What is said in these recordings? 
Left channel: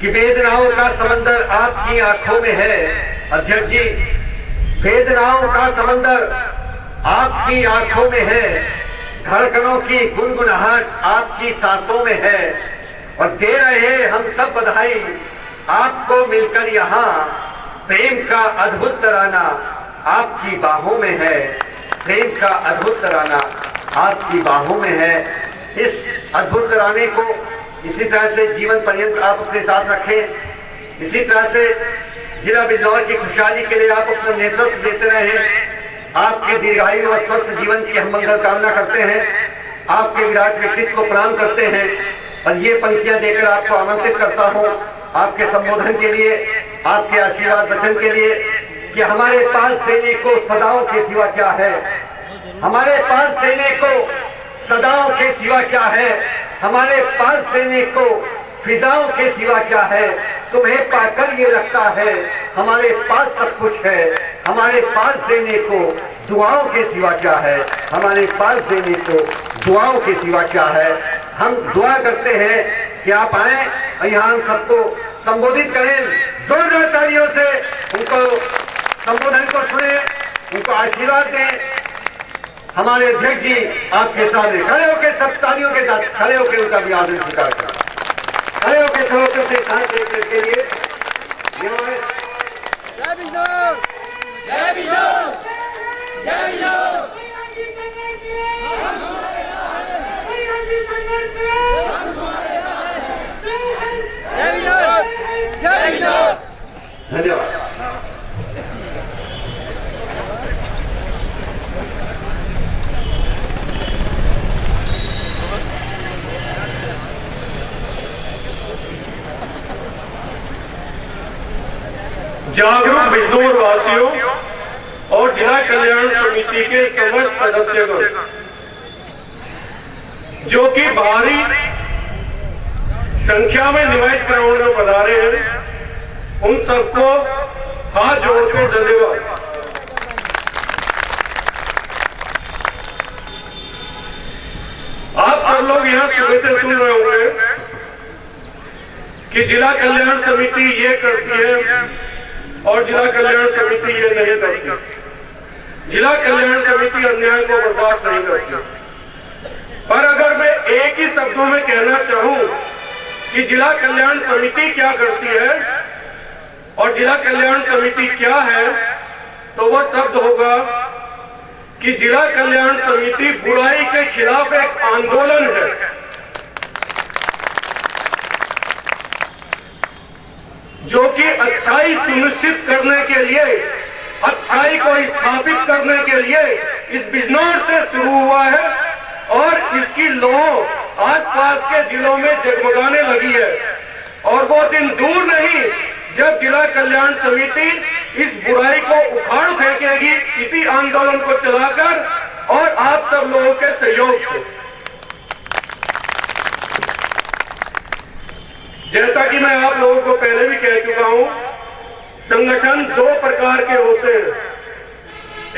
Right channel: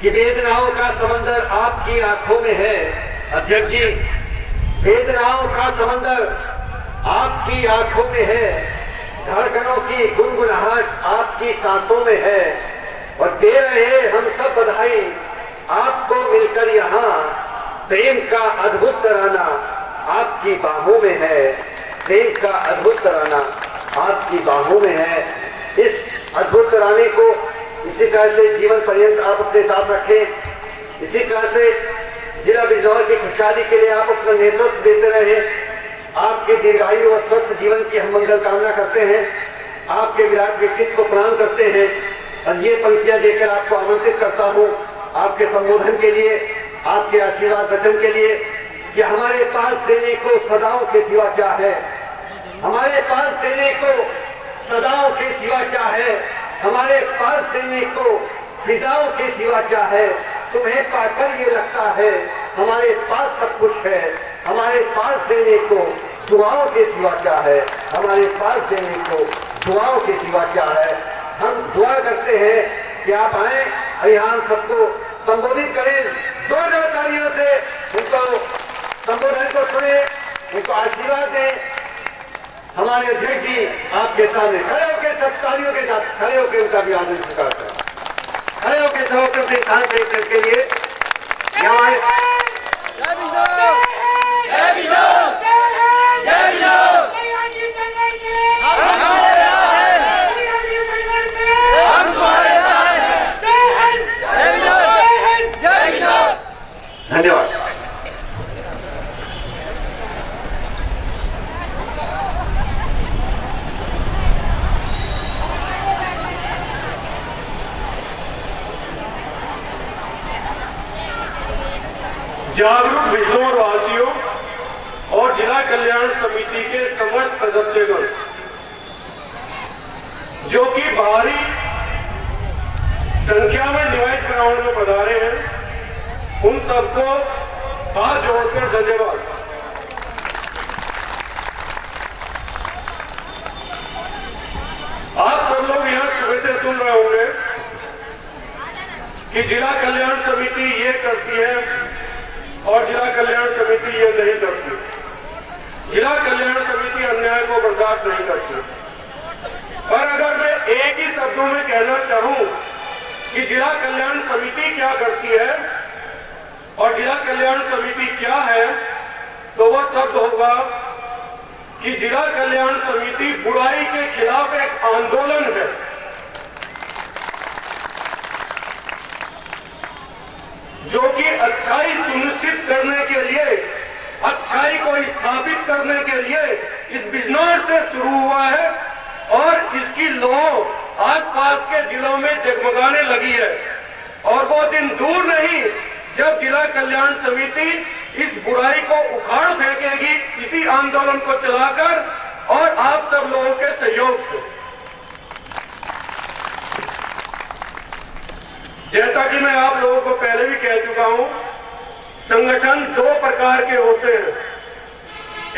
कि वेदनाओं का समंदर आपकी आंखों में है। अध्यक्ष जी, वेदनाओं का समंदर आपकी आंखों में है, धड़कनों की गुनगुनाहट आपकी सांसों में है, और दे रहे हम सब बधाई आपको मिलकर यहाँ। प्रेम का अद्भुत तराना आपकी बाहों में है, प्रेम का अद्भुत तराना आपकी बाहों में है। इस अद्भुत तराने को इसी तरह से जीवन पर्यंत आप अपने साथ रखें। इसी तरह से जिला बिजनौर की खुशहाली के लिए आप अपना नेतृत्व देते रहे। आपके दीर्घायु व स्वस्थ जीवन की हम मंगल कामना करते हैं। आपके विराट व्यक्तित्व को प्रणाम करते हैं और ये पंक्तियां देकर आपको आमंत्रित करता हूं आपके संबोधन के लिए, आपके आशीर्वाद वचन के लिए कि हमारे पास देने को सदाओं के सिवा क्या है, हमारे पास देने को सदाओं के सिवा क्या है, हमारे पास देने को फिजाओं के सिवा क्या है। तुम्हें पाकर ये लगता है हमारे पास सब कुछ है, हमारे पास देने को दुआओं के सिवा क्या है, हमारे पास देने को दुआओं के सिवा क्या है। हम दुआ करते हैं कि आप आए, यहाँ सबको संबोधित करें, जोरदार तालियों से उनको संबोधन को सुने, उनको आशीर्वाद दें। हमारे अध्यक्ष जी आपके सामने खड़े होकर सब तालियों के साथ खड़े होकर उनका अभिवादन स्वीकार करें। खड़े होकर सब अपने स्थान से के लिए यहाँ जय बिजनौर, जय बिजनौर, जय बिजनौर। धन्यवाद। जागरूक बिजनौर वासियों और जिला कल्याण समिति के समस्त सदस्यगण जो कि भारी संख्या में निवास ग्राउंड में पधारे हैं, उन सबको हाथ जोड़कर धन्यवाद। आप सब लोग यहाँ सुबह से सुन रहे होंगे कि जिला कल्याण समिति ये करती है और जिला कल्याण समिति ये नहीं करती। जिला कल्याण समिति अन्याय को बर्दाश्त नहीं करती। पर अगर मैं एक ही शब्दों में कहना चाहूं कि जिला कल्याण समिति क्या करती है और जिला कल्याण समिति क्या है, तो वह शब्द होगा कि जिला कल्याण समिति बुराई के खिलाफ एक आंदोलन है। जो कि अच्छाई सुनिश्चित करने के लिए, अच्छाई को स्थापित करने के लिए इस बिजनौर से शुरू हुआ है और इसकी लौ आसपास के जिलों में जगमगाने लगी है। और वो दिन दूर नहीं जब जिला कल्याण समिति इस बुराई को उखाड़ फेंकेगी इसी आंदोलन को चलाकर और आप सब लोगों के सहयोग से। जैसा कि मैं आप लोगों को पहले भी कह चुका हूं, संगठन दो प्रकार के होते हैं।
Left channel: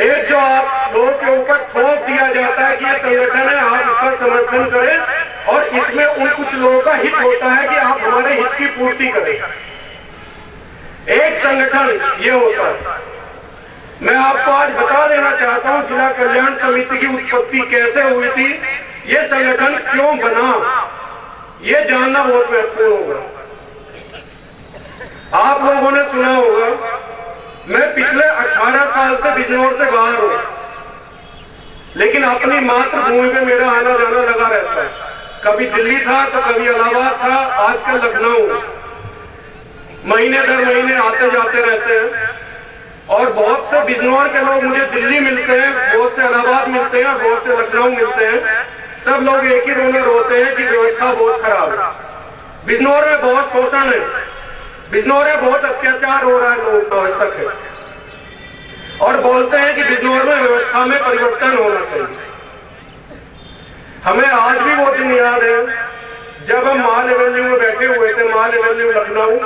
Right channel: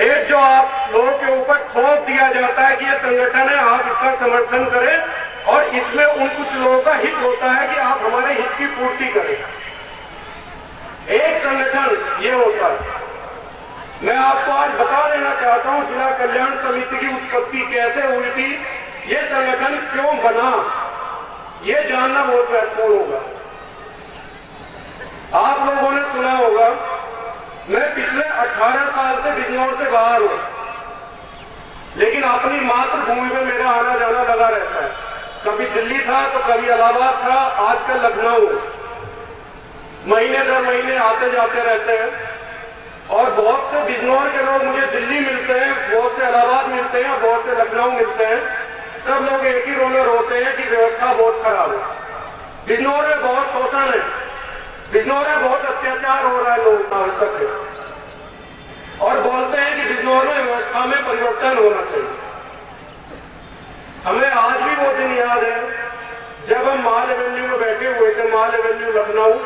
एक जो आप लोगों के ऊपर थोप दिया जाता है कि ये संगठन है, आप इसका समर्थन करें, और इसमें उन कुछ लोगों का हित होता है कि आप हमारे हित की पूर्ति करें। एक संगठन ये होता है। मैं आपको आज बता देना चाहता हूं जिला कल्याण समिति की उत्पत्ति कैसे हुई थी, ये संगठन क्यों बना, ये जानना बहुत महत्वपूर्ण होगा। आप लोगों ने सुना होगा, मैं पिछले 18 साल से बिजनौर से बाहर हूं, लेकिन अपनी मातृभूमि पे मेरा आना जाना लगा रहता है। कभी दिल्ली था तो कभी इलाहाबाद था, आजकल लखनऊ। महीने दर महीने आते जाते रहते हैं और बहुत से बिजनौर के लोग मुझे दिल्ली मिलते हैं, बहुत से इलाहाबाद मिलते हैं, बहुत से लखनऊ मिलते हैं। सब लोग एक ही रो में रोते हैं कि व्यवस्था बहुत खराब है, बिजनौर में बहुत शोषण है, बिजनौर में बहुत अत्याचार हो रहा है, लोग आवश्यक है, और बोलते हैं कि बिजनौर में व्यवस्था में परिवर्तन होना चाहिए। हमें आज भी वो दिन याद है जब हम माल एवेन्यू में बैठे हुए थे, माल एवेन्यू लखनऊ,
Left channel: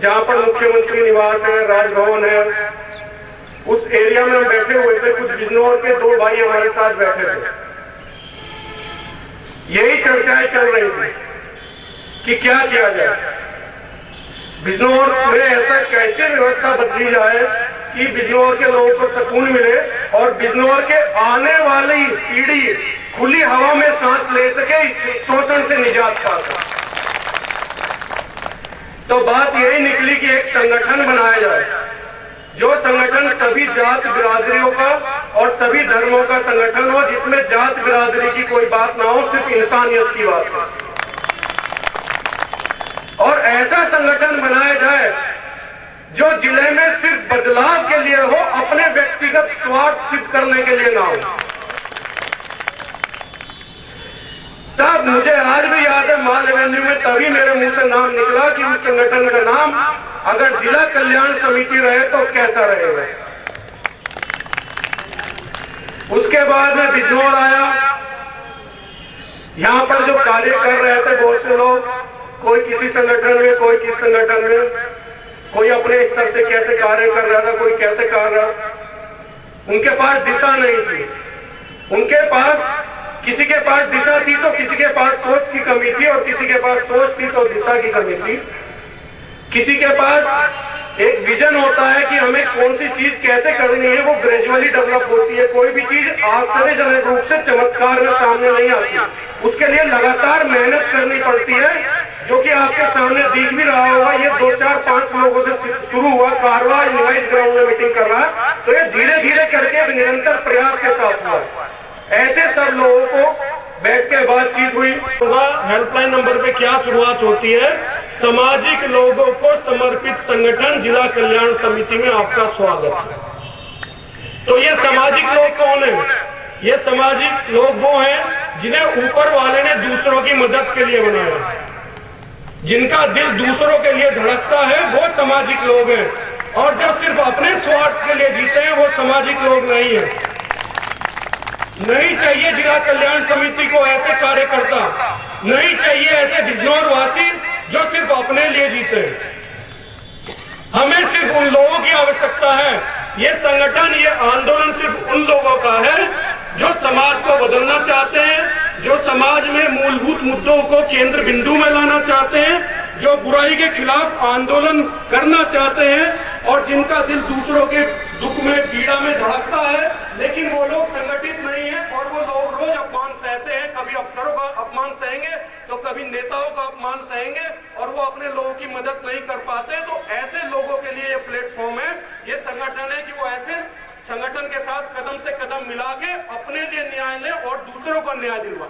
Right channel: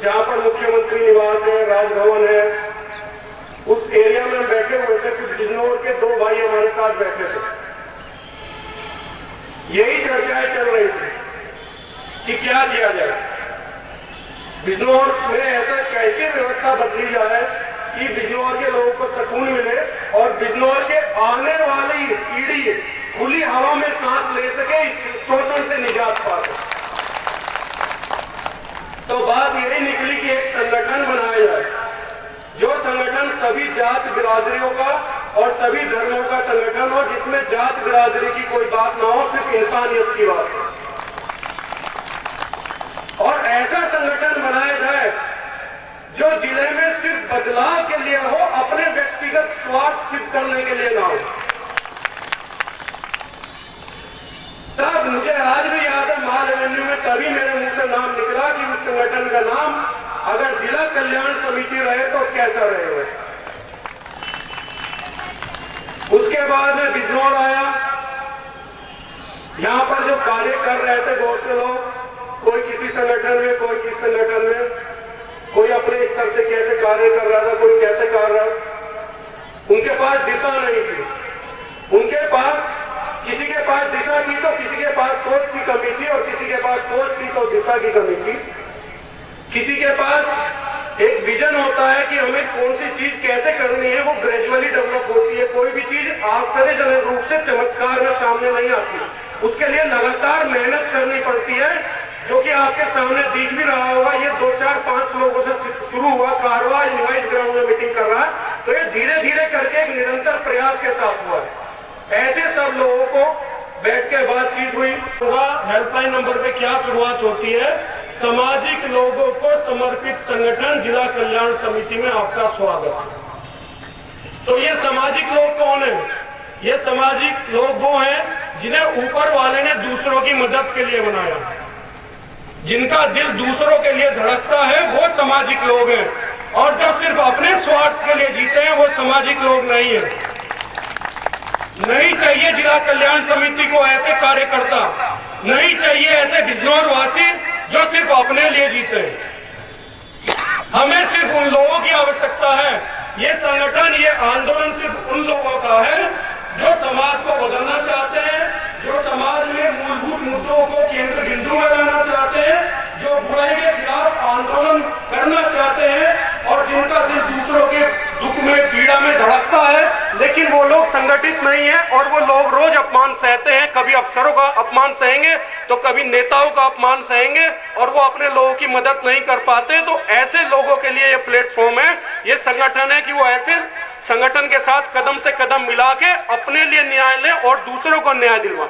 जहां पर मुख्यमंत्री निवास है, राजभवन है, उस एरिया में हम बैठे हुए थे। कुछ बिजनौर के दो भाई हमारे साथ बैठे थे। यही चर्चाएं चल रही थी कि क्या किया जाए। बिजनौर में ऐसा कैसे व्यवस्था बदली जाए कि बिजनौर के लोगों को सुकून मिले और बिजनौर के आने वाली पीढ़ी खुली हवा में सांस ले सके, इस शोषण से निजात पा सके। तो बात यही निकली कि एक संगठन बनाया जाए, जो संगठन सभी जात बिरादरियों का और सभी धर्मों का संगठन हो, जिसमें जात बिरादरी की कोई बात ना हो, सिर्फ इंसानियत की बात हो। और ऐसा संगठन बनाया जाए जो जिले में सिर्फ बदलाव के लिए हो, अपने व्यक्तिगत स्वार्थ सिद्ध करने के लिए ना हो। तब मुझे आज भी याद है, माल एवेन्यू में तभी मेरे मुंह से नाम निकला कि उस संगठन का नाम अगर जिला कल्याण समिति रहे तो कैसा रहेगा। उसके बाद में बिजनौर आया। यहां पर जो कार्य कर रहे थे बहुत से लोग, कोई किसी संगठन में, कोई किस संगठन में, कोई अपने स्तर से कैसे कार्य कर रहा था, कोई कैसे कर रहा। उनके पास दिशा नहीं थी। उनके पास, किसी के पास दिशा थी तो किसी के पास सोच की कमी थी, और किसी के पास सोच थी तो दिशा की कमी थी। किसी के पास एक विजन होता है कि हमें कौन सी चीज कैसे करनी है, वो ग्रेजुअली डेवलप होती है। कोई भी चीज आश्चर्यजनक रूप से चमत्कार में सामने नहीं आती, उसके लिए लगातार मेहनत करनी पड़ती है, जो कि आपके सामने दिख भी रहा होगा। ये 2, 4, 5 लोगों से शुरू हुआ, कारवा इनवाइस ग्राउंड में मीटिंग कर रहा है, तो ये धीरे धीरे करके निरंतर प्रयास के साथ हुआ है। ऐसे सब लोगों को बैठ के बातचीत हुई। हेल्पलाइन नंबर पे क्या शुरुआत होती है? सामाजिक लोगों को समर्पित संगठन जिला कल्याण समिति में आपका स्वागत है। तो ये सामाजिक लोग कौन है? ये सामाजिक लोग वो हैं जिन्हें ऊपर वाले ने दूसरों की मदद के लिए बनाया, जिनका दिल दूसरों के लिए धड़कता है, वो सामाजिक लोग हैं। और जो सिर्फ अपने स्वार्थ के लिए जीते हैं, वो सामाजिक लोग नहीं है। नहीं चाहिए जिला कल्याण समिति को ऐसे कार्यकर्ता, नहीं चाहिए ऐसे बिजनौर वासी जो सिर्फ अपने लिए जीते हैं। हमें सिर्फ उन लोगों की आवश्यकता है। ये संगठन, ये आंदोलन सिर्फ उन लोगों का है जो समाज को बदलना चाहते हैं, जो समाज में मूलभूत मुद्दों को केंद्र बिंदु में लाना चाहते हैं, जो बुराई के खिलाफ आंदोलन करना चाहते हैं, और जिनका दिल दूसरों के दुख में, पीड़ा में धड़कता है। लेकिन वो लोग संगठित नहीं है, और वो लोग रोज अपमान सहते हैं। कभी अफसरों का अपमान सहेंगे तो कभी नेताओं का अपमान सहेंगे, और वो अपने लोगों की मदद नहीं कर पाते। तो ऐसे लोगों के लिए ये प्लेटफॉर्म है, ये संगठन है कि वो ऐसे संगठन के साथ कदम से कदम मिला के अपने लिए न्याय ले और दूसरों को न्याय दिलवाए।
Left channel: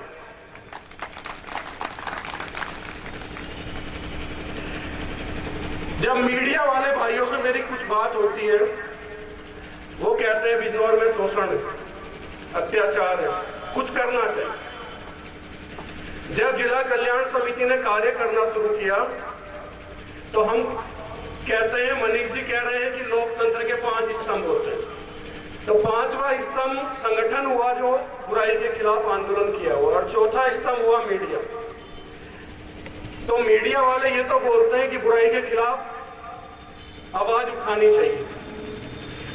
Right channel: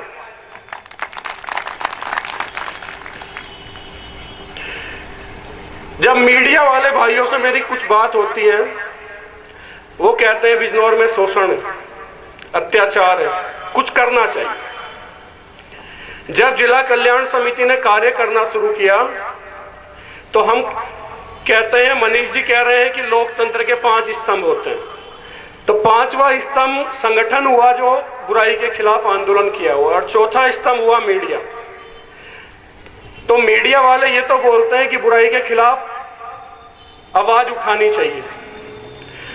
जब मीडिया वाले भाइयों से मेरी कुछ बात होती है, वो कहते हैं बिजनौर में शोषण, अत्याचार है, कुछ करना चाहिए। जब जिला कल्याण समिति ने कार्य करना शुरू किया तो हम कहते हैं, मनीष जी कह रहे हैं कि लोकतंत्र के 5 स्तंभ होते हैं। तो 5वां स्तंभ संगठन हुआ जो बुराई के खिलाफ आंदोलन किया हुआ, और 4था स्तंभ हुआ मीडिया। तो मीडिया वाले ये तो बोलते हैं कि बुराई के खिलाफ आवाज उठानी चाहिए,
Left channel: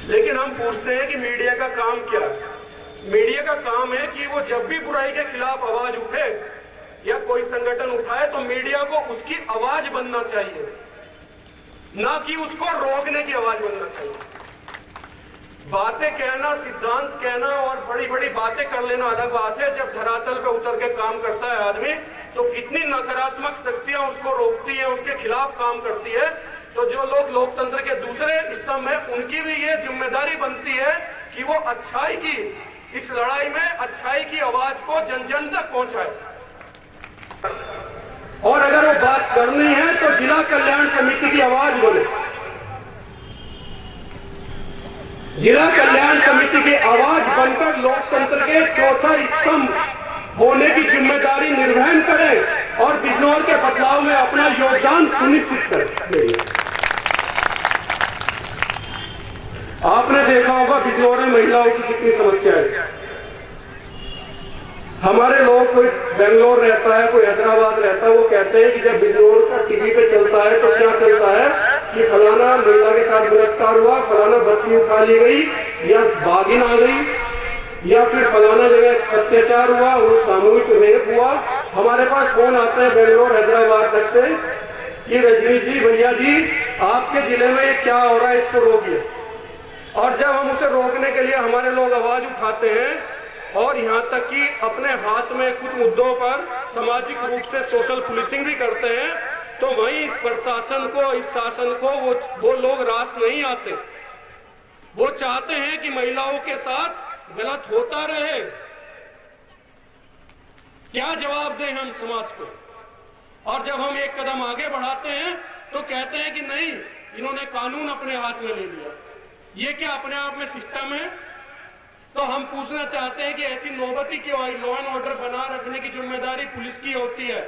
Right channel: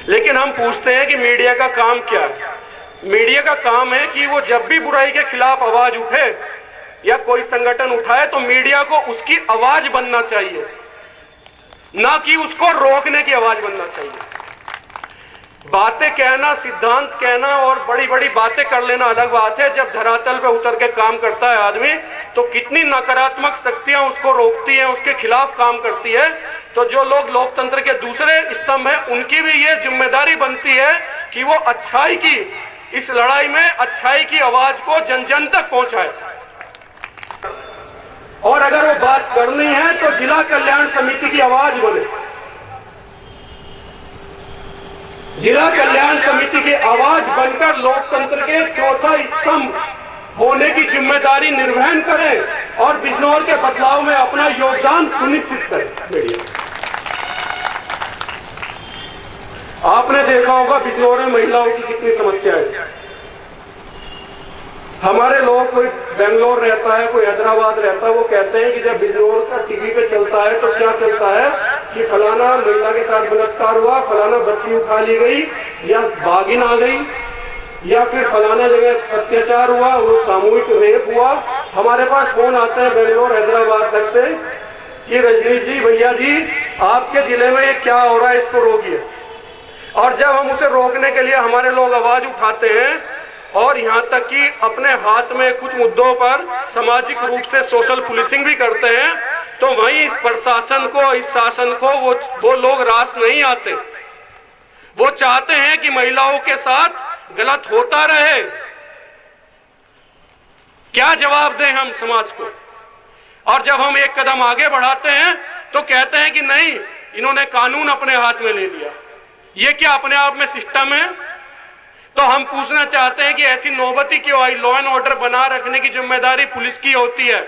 लेकिन हम पूछते हैं कि मीडिया का काम क्या है? मीडिया का काम है कि वो जब भी बुराई के खिलाफ आवाज उठे या कोई संगठन उठाए, तो मीडिया को उसकी आवाज बनना चाहिए, ना कि उसको रोकने की आवाज बनना चाहिए। बातें कहना, सिद्धांत कहना और बड़ी बड़ी बातें कर लेना अलग बात है। जब धरातल पे उतर के काम करता है आदमी, तो कितनी नकारात्मक शक्तियां उसको रोकती हैं, उसके खिलाफ काम करती है। तो जो लोग लोकतंत्र के दूसरे स्तंभ हैं, उनकी भी ये जिम्मेदारी बनती है कि वो अच्छाई की इस लड़ाई में अच्छाई की आवाज को जन जन तक पहुंचाए। और अगर वो बात करनी है तो जिला कल्याण समिति की आवाज बोले। जिला कल्याण समिति की आवाज बनकर लोकतंत्र के 4था स्तंभ होने की जिम्मेदारी निर्वहन करें और बिजनौर के बदलाव में अपना योगदान सुनिश्चित करें। आपने देखा होगा बिजनौर में महिलाओं की कितनी समस्या है। हमारे लोग, कोई बेंगलोर रहता है, कोई हैदराबाद रहता है, वो कहते हैं कि जब बिजनौर का टीवी पे चलता है तो क्या चलता है कि फलाना महिला के साथ बलात्कार हुआ, फलाना बच्ची उठा ली गई, या बागिन आ गई, या फिर फलाना जगह अत्याचार हुआ, वो सामूहिक रेप हुआ। हमारे पास फोन आता है बेंगलोर, हैदराबाद तक से कि रजनी जी, भैया जी, आपके जिले में ये क्या हो रहा है, इसको रोकिए। और जब हम उसे रोकने के लिए हमारे लोग आवाज उठाते हैं और यहाँ तक कि अपने हाथ में कुछ मुद्दों पर सामाजिक रूप से सोशल पुलिसिंग भी करते हैं, तो वहीं इस प्रशासन को, इस शासन को वो लोग रास नहीं आते। वो चाहते हैं कि महिलाओं के साथ गलत होता रहे। क्या जवाब दें हम समाज को? और जब हम एक कदम आगे बढ़ाते हैं तो कहते हैं कि नहीं, इन्होंने कानून अपने हाथ में ले लिया। ये क्या अपने आप में सिस्टम है? तो हम पूछना चाहते हैं कि ऐसी नौबती क्यों आई? लॉ एंड ऑर्डर बना रखने की जिम्मेदारी पुलिस की होती है।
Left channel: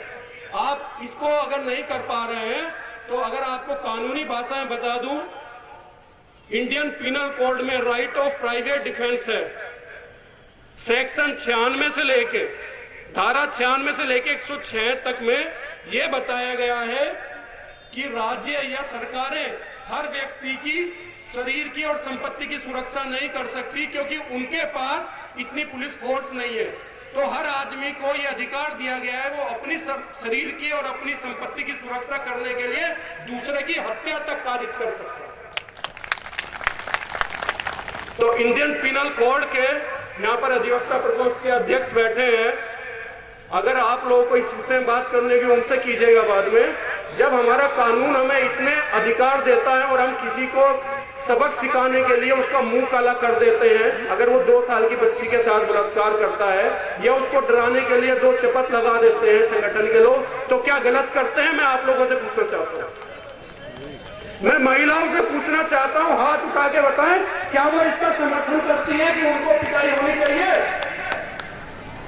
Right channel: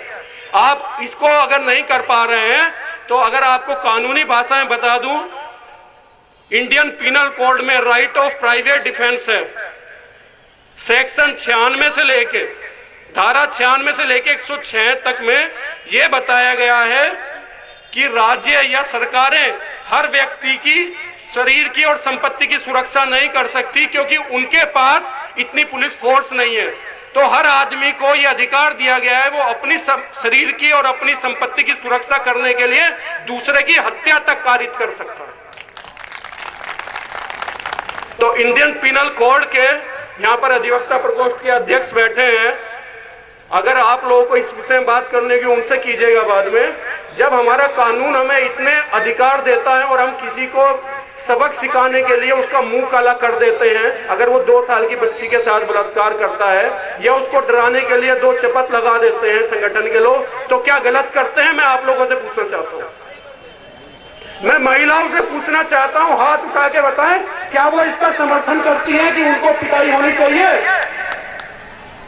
आप इसको अगर नहीं कर पा रहे हैं तो अगर आपको कानूनी भाषा में बता दूं, इंडियन पिनल कोड में राइट ऑफ प्राइवेट डिफेंस है। सेक्शन 96 से लेके, धारा 96 से लेके 106 तक में यह बताया गया है कि राज्य या सरकारें हर व्यक्ति की शरीर की और संपत्ति की सुरक्षा नहीं कर सकती, क्योंकि उनके पास इतनी पुलिस फोर्स नहीं है। तो हर आदमी को यह अधिकार दिया गया है, वो अपनी शरीर की और अपनी संपत्ति की सुरक्षा करने के लिए दूसरे की हत्या तक कारित कर सकता है। तो इंडियन पिनल कोड के यहाँ पर अधिवक्ता प्रकोष्ठ के अध्यक्ष बैठे हैं, अगर आप लोगों को इस विषय में बात करने की उनसे कीजिएगा बाद में। जब हमारा कानून हमें इतने अधिकार देता है और हम किसी को सबक सिखाने के लिए उसका मुंह काला कर देते हैं, अगर वो 2 साल की बच्ची के साथ बलात्कार करता है, या उसको डराने के लिए 2 चपत लगा देते हैं संगठन के लोग, तो क्या गलत करते हैं? मैं आप लोगों से पूछना चाहता हूँ। मैं महिलाओं से पूछना चाहता हूँ, हाथ उठा के बताएं, क्या वो इसका समर्थन करती है कि उनको पिटाई होनी चाहिए?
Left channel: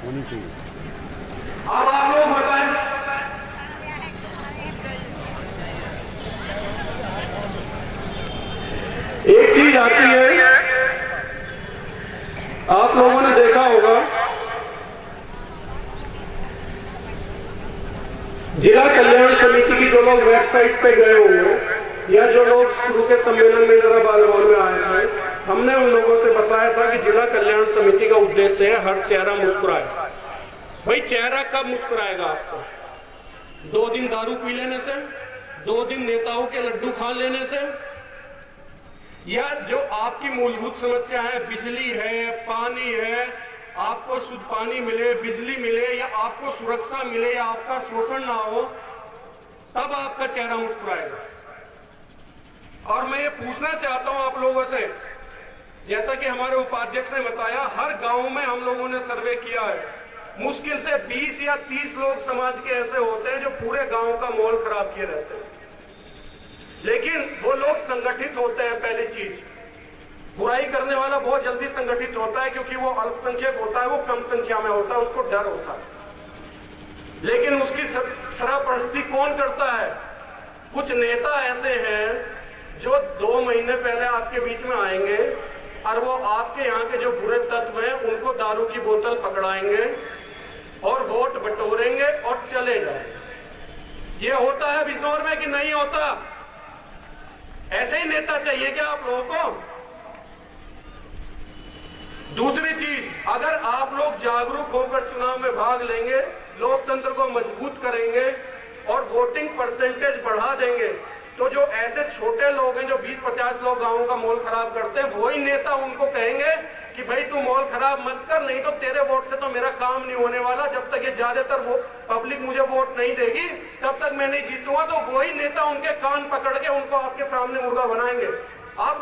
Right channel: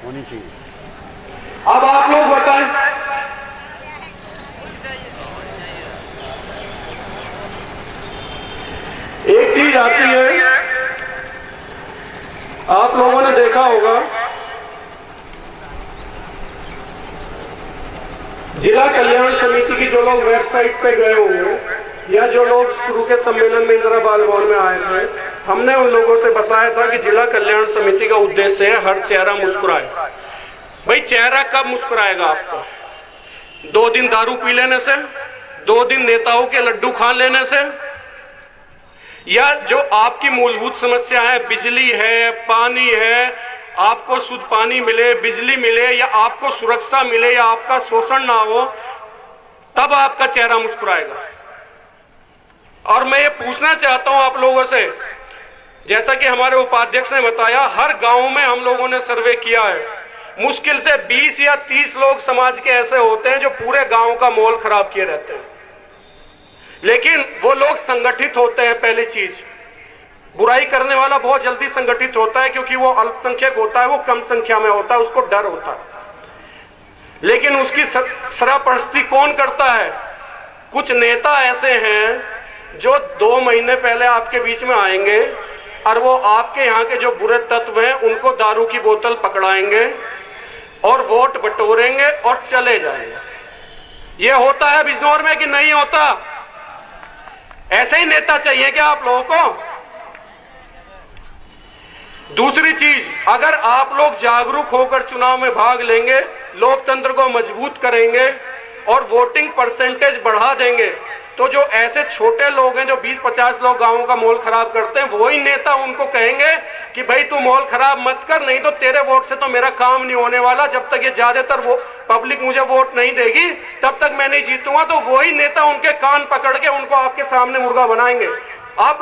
होनी चाहिए। अब आप लोग बताएं। एक चीज आती है, आप लोगों ने देखा होगा, जिला कल्याण समिति की जो लोग वेबसाइट पे गए होंगे या जो लोग शुरू के सम्मेलन में इंदिरा बाल भवन में आए थे, हमने उन लोगों से बताया था कि जिला कल्याण समिति का उद्देश्य है हर चेहरा मुस्कुराए। भाई, चेहरा कब मुस्कुराएगा आपको? 2 दिन दारू पी लेने से, 2 दिन नेताओं के लड्डू खा लेने से, या जो आपकी मूलभूत समस्या है, बिजली है, पानी है, आपको शुद्ध पानी मिले, बिजली मिले, या आपको सुरक्षा मिले, या आपका शोषण ना हो, तब आपका चेहरा मुस्कुराएगा। और मैं ये पूछना चाहता हूं आप लोगों से, जैसा कि हमारे उपाध्यक्ष ने बताया, हर गांव में हम लोगों ने सर्वे किया है, मुश्किल से 20 या 30 लोग समाज के ऐसे होते हैं जो पूरे गांव का माहौल खराब किए रहते हैं। लेकिन वो लोग संगठित होते हैं। पहली चीज, बुराई करने वाला बहुत जल्दी संगठित होता है, क्योंकि वो अल्पसंख्यक होता है, वो कम संख्या में होता है, उसको डर होता है। लेकिन उसकी सरपरस्ती कौन करता है? कुछ नेता ऐसे हैं जो 2 महीने पहले आपके बीच में आएंगे और वो आपके यहाँ के जो बुरे तत्व हैं उनको दारू की बोतल पकड़ाएंगे और वोट बटोरेंगे और चले जाएंगे। ये होता है बिजनौर में कि नहीं होता? ऐसे ही नेता चाहिए क्या आप लोगों को? दूसरी चीज, अगर आप लोग जागरूक होकर चुनाव में भाग लेंगे, लोकतंत्र को मजबूत करेंगे और वोटिंग परसेंटेज बढ़ा देंगे, तो जो ऐसे छोटे लोग हैं जो 20-50 लोग गांव का माहौल खराब करते हैं, वही नेता उनको कहेंगे कि भाई तू माहौल खराब मत कर, नहीं तो तेरे वोट से तो मेरा काम नहीं होने वाला। जब तक ये ज्यादातर वो पब्लिक मुझे वोट नहीं देगी तब तक मैं नहीं जीतूंगा। तो वही नेता उनके कान पकड़ के उनको आपके सामने मुर्गा बनाएंगे। आप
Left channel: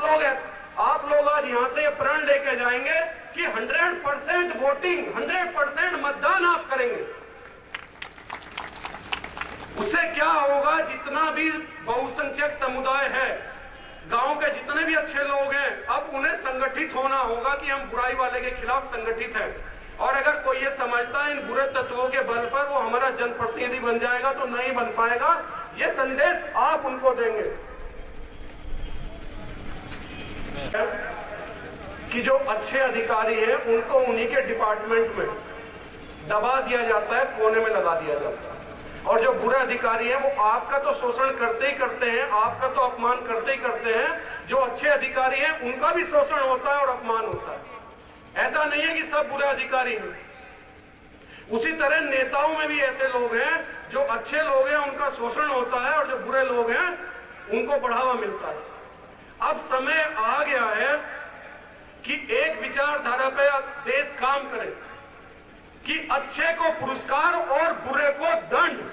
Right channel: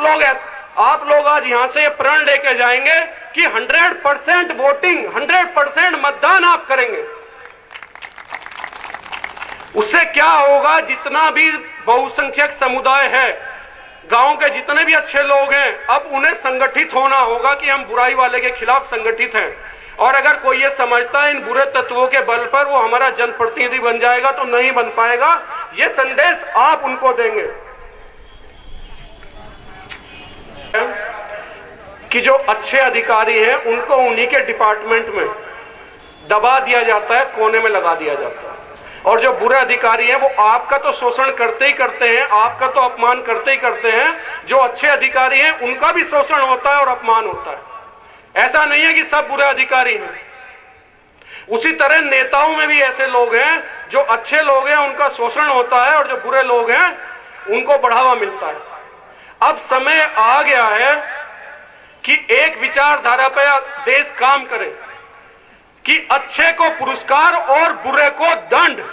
लोग आज यहाँ से प्रण लेके जाएंगे कि 100% वोटिंग, 100% मतदान आप करेंगे। उससे क्या होगा? जितना भी बहुसंख्यक समुदाय है, गांव के जितने भी अच्छे लोग हैं, अब उन्हें संगठित होना होगा कि हम बुराई वाले के खिलाफ संगठित हैं। और अगर कोई ये समझता है इन बुरे तत्वों के बल पर वो हमारा जनप्रतिनिधि बन जाएगा, तो नहीं बन पाएगा। ये संदेश आप उनको देंगे कि जो अच्छे अधिकारी हैं उनको उन्हीं के डिपार्टमेंट में दबा दिया जाता है, कोने में लगा दिया जाता है। और जो बुरे अधिकारी हैं वो आपका तो शोषण करते ही करते हैं, आपका तो अपमान करते ही करते हैं। जो अच्छे अधिकारी हैं उनका भी शोषण होता है और अपमान होता है। ऐसा नहीं है कि सब बुरे अधिकारी हैं। उसी तरह नेताओं में भी ऐसे लोग हैं, जो अच्छे लोग हैं उनका शोषण होता है और जो बुरे लोग हैं उनको बढ़ावा मिलता है। अब समय आ गया है कि एक विचारधारा पर देश काम करे कि अच्छे को पुरस्कार और बुरे को दंड।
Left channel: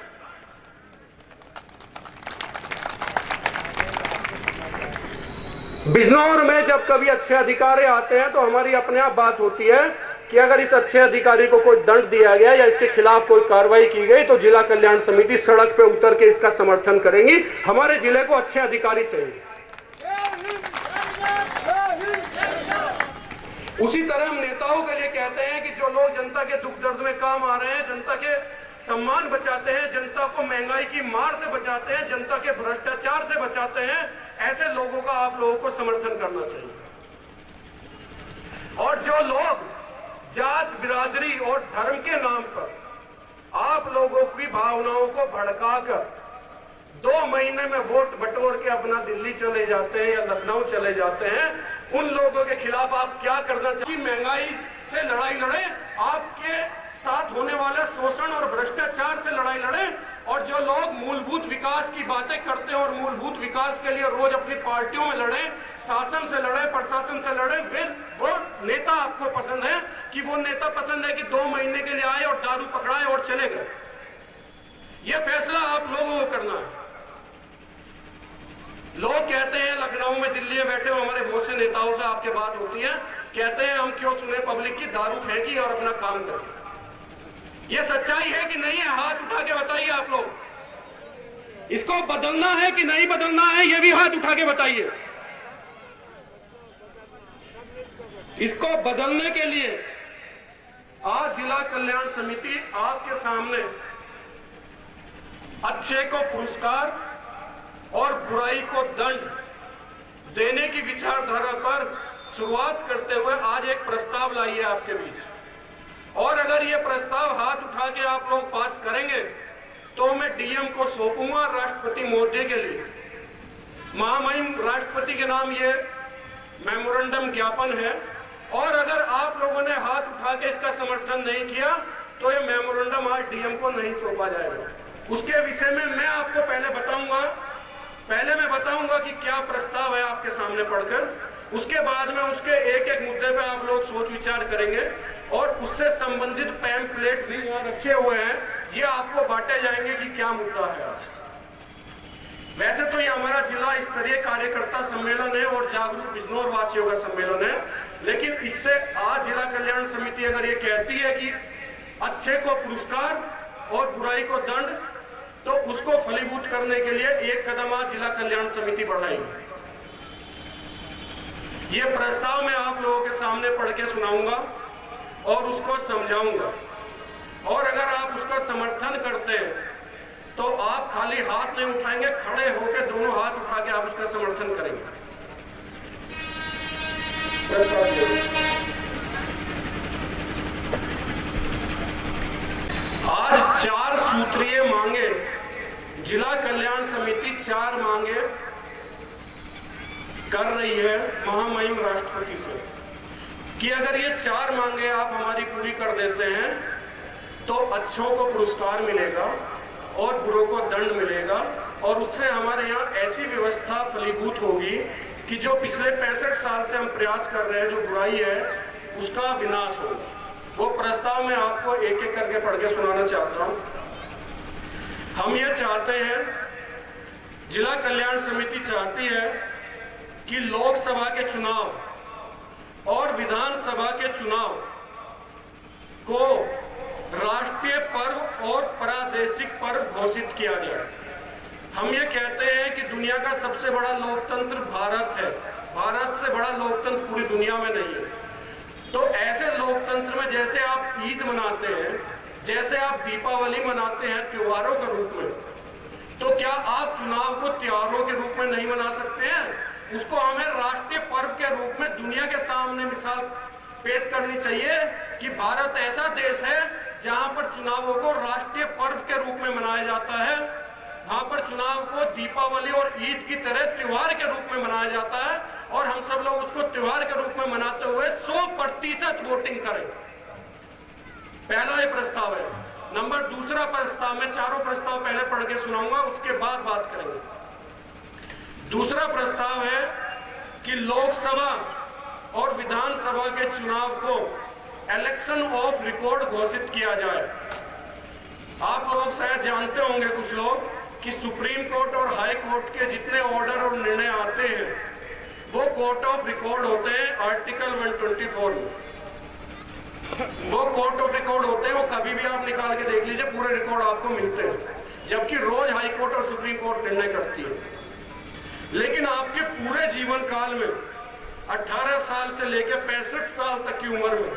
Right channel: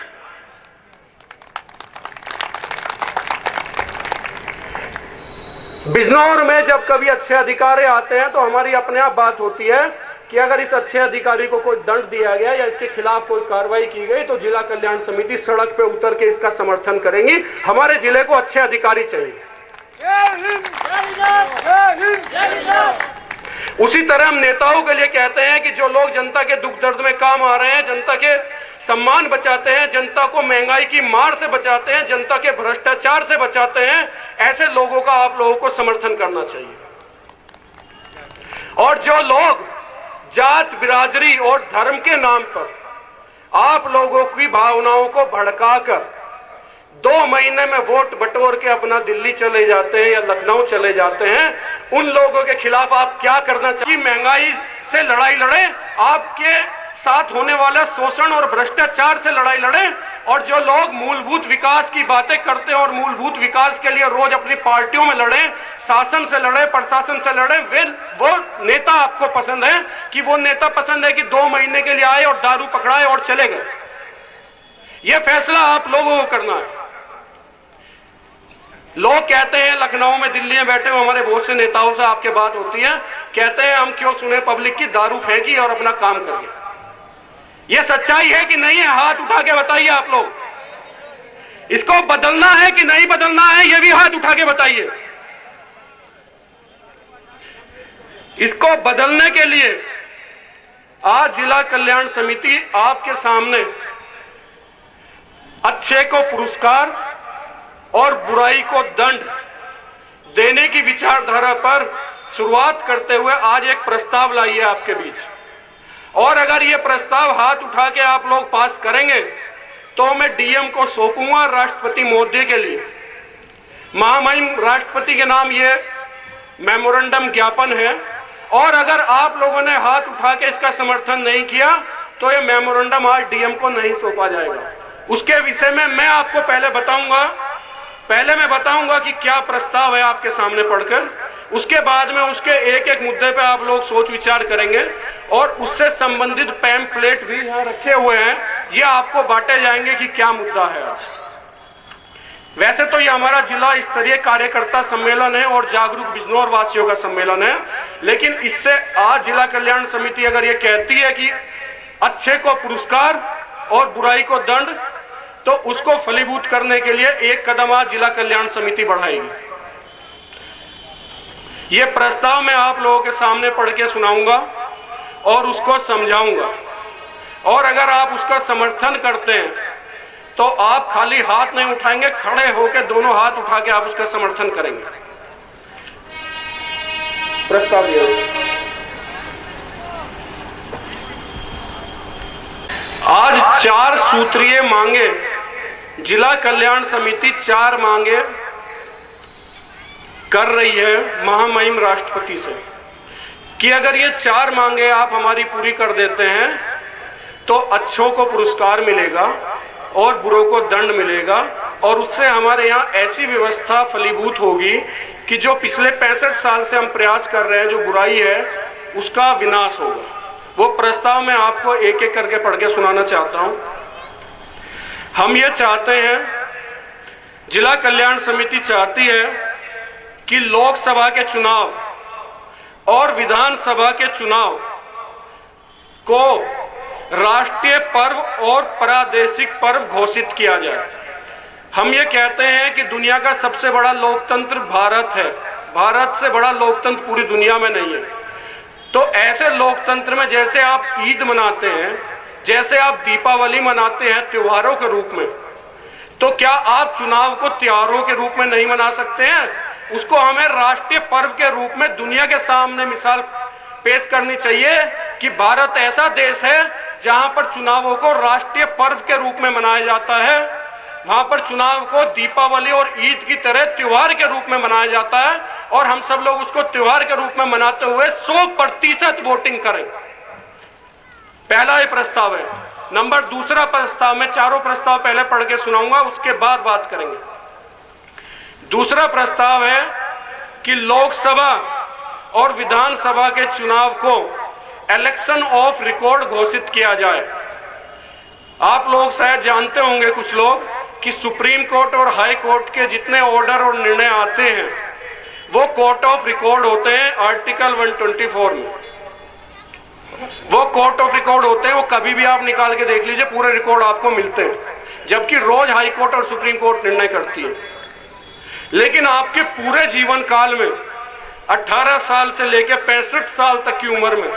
बिजनौर में जब कभी अच्छे अधिकारी आते हैं तो हमारी अपने आप बात होती है कि अगर इस अच्छे अधिकारी को कोई दंड दिया गया या इसके खिलाफ कोई कार्रवाई की गई तो जिला कल्याण समिति सड़क पे उतर के इसका समर्थन करेंगी। हमारे जिले को अच्छे अधिकारी चाहिए। उसी तरह हम नेताओं के लिए कहते हैं कि जो लोग जनता के दुख दर्द में काम आ रहे हैं, जनता के सम्मान बचाते हैं, जनता को महंगाई की मार से बचाते हैं, जनता के भ्रष्टाचार से बचाते हैं, ऐसे लोगों का आप लोगों को समर्थन करना चाहिए। और जो लोग जात, बिरादरी और धर्म के नाम पर आप लोगों की भावनाओं को भड़काकर 2 महीने में वोट बटोर के अपना दिल्ली चले जाते हैं या लखनऊ चले जाते हैं, उन लोगों के खिलाफ आप क्या करना चाहिए? महंगाई से लड़ाई लड़े, आपके साथ होने वाला शोषण और भ्रष्टाचार से लड़ाई लड़े, और जो लोग मूलभूत विकास की बातें करते हैं और मूलभूत विकास के लिए रोज अपनी पार्टियों में लड़े, शासन से लड़े, प्रशासन से लड़े, वो नेता आपको पसंद है कि वो नेता पसंद है कि 2 महीने के लिए आए और दारू पकड़ाए और चले गए? ये फैसला आप लोगों को करना है। लोग कहते हैं लखनऊ में, दिल्ली में बैठे हुए हमारे बहुत से नेताओं से आपके बात होती है, कहते हैं हम क्यों सुने पब्लिक की, दारू फेंकी और अपना काम करिए। ये सच्चाई है कि नहीं है? हाथ उठा के बताइए आप लोग। इसको बदलना है कि नहीं बदलना है, ये भी हाथ उठा के बताइए। इसको बदलने के लिए आज जिला कल्याण समिति आपके सामने अच्छे को पुरस्कार और बुराई को दंड देने की विचारधारा पर शुरुआत करते हुए आज एक प्रस्ताव लाई है आपके बीच। और अगर ये प्रस्ताव हाथ उठा के आप लोग पास करेंगे तो मैं डीएम को सौंपूंगा राष्ट्रपति महोदय के लिए। महामहिम राष्ट्रपति के नाम ये मेमोरेंडम ज्ञापन है, और अगर आप लोगों ने हाथ उठा के इसका समर्थन नहीं किया तो ये मेमोरेंडम आज डीएम को नहीं सौंपा जाएगा। उसके विषय में मैं आपको पहले मैं बताऊंगा कि क्या प्रस्ताव है आपके सामने पढ़कर। उसके बाद में उसके एक एक मुद्दे पे आप लोग सोच विचार करेंगे और उससे संबंधित पैम्फलेट भी यहाँ रखे हुए हैं, ये आपको बांटे जाएंगे कि क्या मुद्दा है। वैसे तो ये हमारा जिला स्तरीय कार्यकर्ता सम्मेलन है और जागरूक बिजनौर वासियों का सम्मेलन है, लेकिन इससे आज जिला कल्याण समिति अगर ये कहती है कि अच्छे को पुरस्कार और बुराई को दंड, तो उसको फलीभूत करने के लिए एक कदम आज जिला कल्याण समिति बढ़ाएगी। ये प्रस्ताव मैं आप लोगों के सामने पढ़ के सुनाऊंगा और उसको समझाऊंगा, और अगर आप उसका समर्थन करते हैं तो आप खाली हाथ नहीं उठाएंगे, खड़े होकर दोनों हाथ उठा के आप उसका समर्थन करेंगे। प्रस्ताव आज 4 सूत्रीय मांगे, जिला कल्याण समिति 4 मांगे कर रही है महामहिम राष्ट्रपति से कि अगर ये 4 मांगे आप हमारी पूरी कर देते हैं तो अच्छों को पुरस्कार मिलेगा और बुरों को दंड मिलेगा, और उससे हमारे यहाँ ऐसी व्यवस्था फलीभूत होगी कि जो पिछले 65 साल से हम प्रयास कर रहे हैं, जो बुराई है उसका विनाश होगा। वो प्रस्ताव मैं आपको एक एक करके पढ़ के सुनाना चाहता हूं। हम ये चाहते हैं, जिला कल्याण समिति चाहती है कि लोकसभा के चुनाव और विधानसभा के चुनाव को राष्ट्रीय पर्व और प्रादेशिक पर्व घोषित किया जाए। हम ये कहते हैं कि दुनिया का सबसे बड़ा लोकतंत्र भारत है, भारत से बड़ा लोकतंत्र पूरी दुनिया में नहीं है। तो ऐसे लोकतंत्र में जैसे आप ईद मनाते हैं, जैसे आप दीपावली मनाते हैं त्योहारों के रूप में, तो क्या आप चुनाव को त्योहारों के रूप में नहीं मना सकते हैं? उसको हमें राष्ट्रीय पर्व के रूप में दुनिया के सामने मिसाल पेश करनी चाहिए कि भारत ऐसा देश है जहां पर चुनावों को राष्ट्रीय पर्व के रूप में मनाया जाता है, वहां पर चुनाव को दीपावली और ईद की तरह त्योहार के रूप में मनाया जाता है, और हम सब लोग उसको त्योहार के रूप में मनाते हुए 100% वोटिंग करें। पहला ये प्रस्ताव है। नंबर दूसरा प्रस्ताव, मैं चारों प्रस्ताव पहले पढ़ के सुनाऊंगा, उसके बाद बात करेंगे। दूसरा प्रस्ताव है कि लोकसभा और विधानसभा के चुनाव को इलेक्शन ऑफ रिकॉर्ड घोषित किया जाए। आप लोग शायद जानते होंगे कुछ लोग कि सुप्रीम कोर्ट और हाई कोर्ट के जितने ऑर्डर और निर्णय आते हैं वो कोर्ट ऑफ रिकॉर्ड होते हैं। आर्टिकल 124 में वो कोर्ट ऑफ रिकॉर्ड होते हैं। वो कभी भी आप निकाल के देख लीजिए, पूरे रिकॉर्ड आपको मिलते हैं, जबकि रोज हाई कोर्ट और सुप्रीम कोर्ट निर्णय करती है। लेकिन आपके पूरे जीवन काल में 18 साल से लेकर 65 साल तक की उम्र में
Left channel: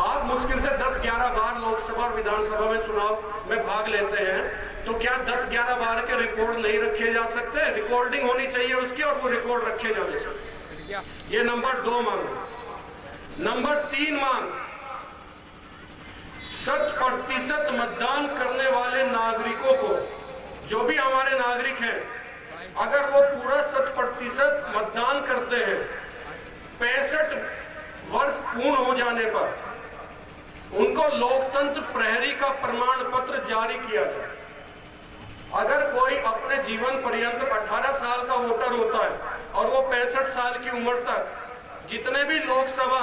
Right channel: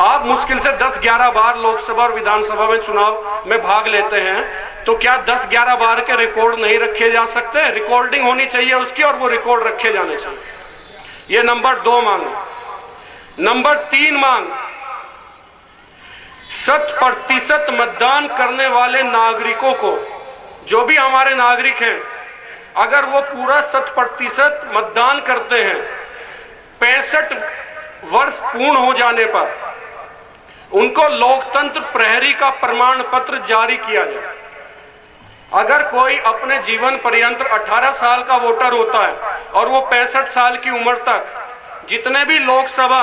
आप मुश्किल से 10-11 बार लोकसभा और विधानसभा में चुनाव में भाग लेते हैं, तो क्या 10-11 बार के रिकॉर्ड नहीं रखे जा सकते? रिकॉर्डिंग होनी चाहिए उसकी और वो रिकॉर्ड रखे जाने चाहिए। ये नंबर 2 मांग। नंबर 3 मांग, 100% मतदान करने वाले नागरिकों को, जो भी हमारे नागरिक हैं, अगर वो पूरा 100% मतदान करते हैं, 65 वर्ष पूर्ण हो जाने पर उनको लोकतंत्र प्रहरी का प्रमाण पत्र जारी किया जाए। अगर कोई अपने जीवन पर्यंत 18 साल का वोटर होता है और वो 65 साल की उम्र तक जितने भी लोकसभा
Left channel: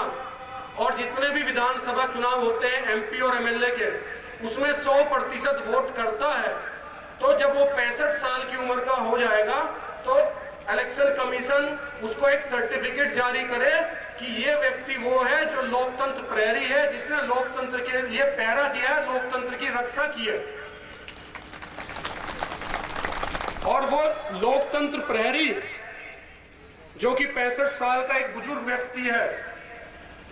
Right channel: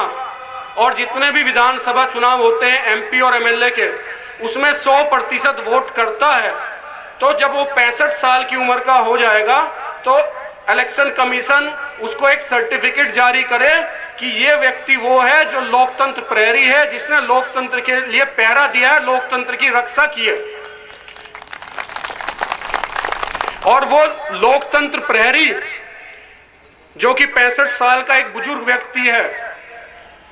और जितने भी विधानसभा चुनाव होते हैं एमपी और एमएलए के, उसमें 100% वोट करता है, तो जब वो 65 साल की उम्र का हो जाएगा तो इलेक्शन कमीशन उसको एक सर्टिफिकेट जारी करे कि ये व्यक्ति वो है जो लोकतंत्र प्रहरी है, जिसने लोकतंत्र के लिए पहरा दिया है, लोकतंत्र की रक्षा की है। और वो लोकतंत्र प्रहरी जो कि 65 साल का एक बुजुर्ग व्यक्ति है,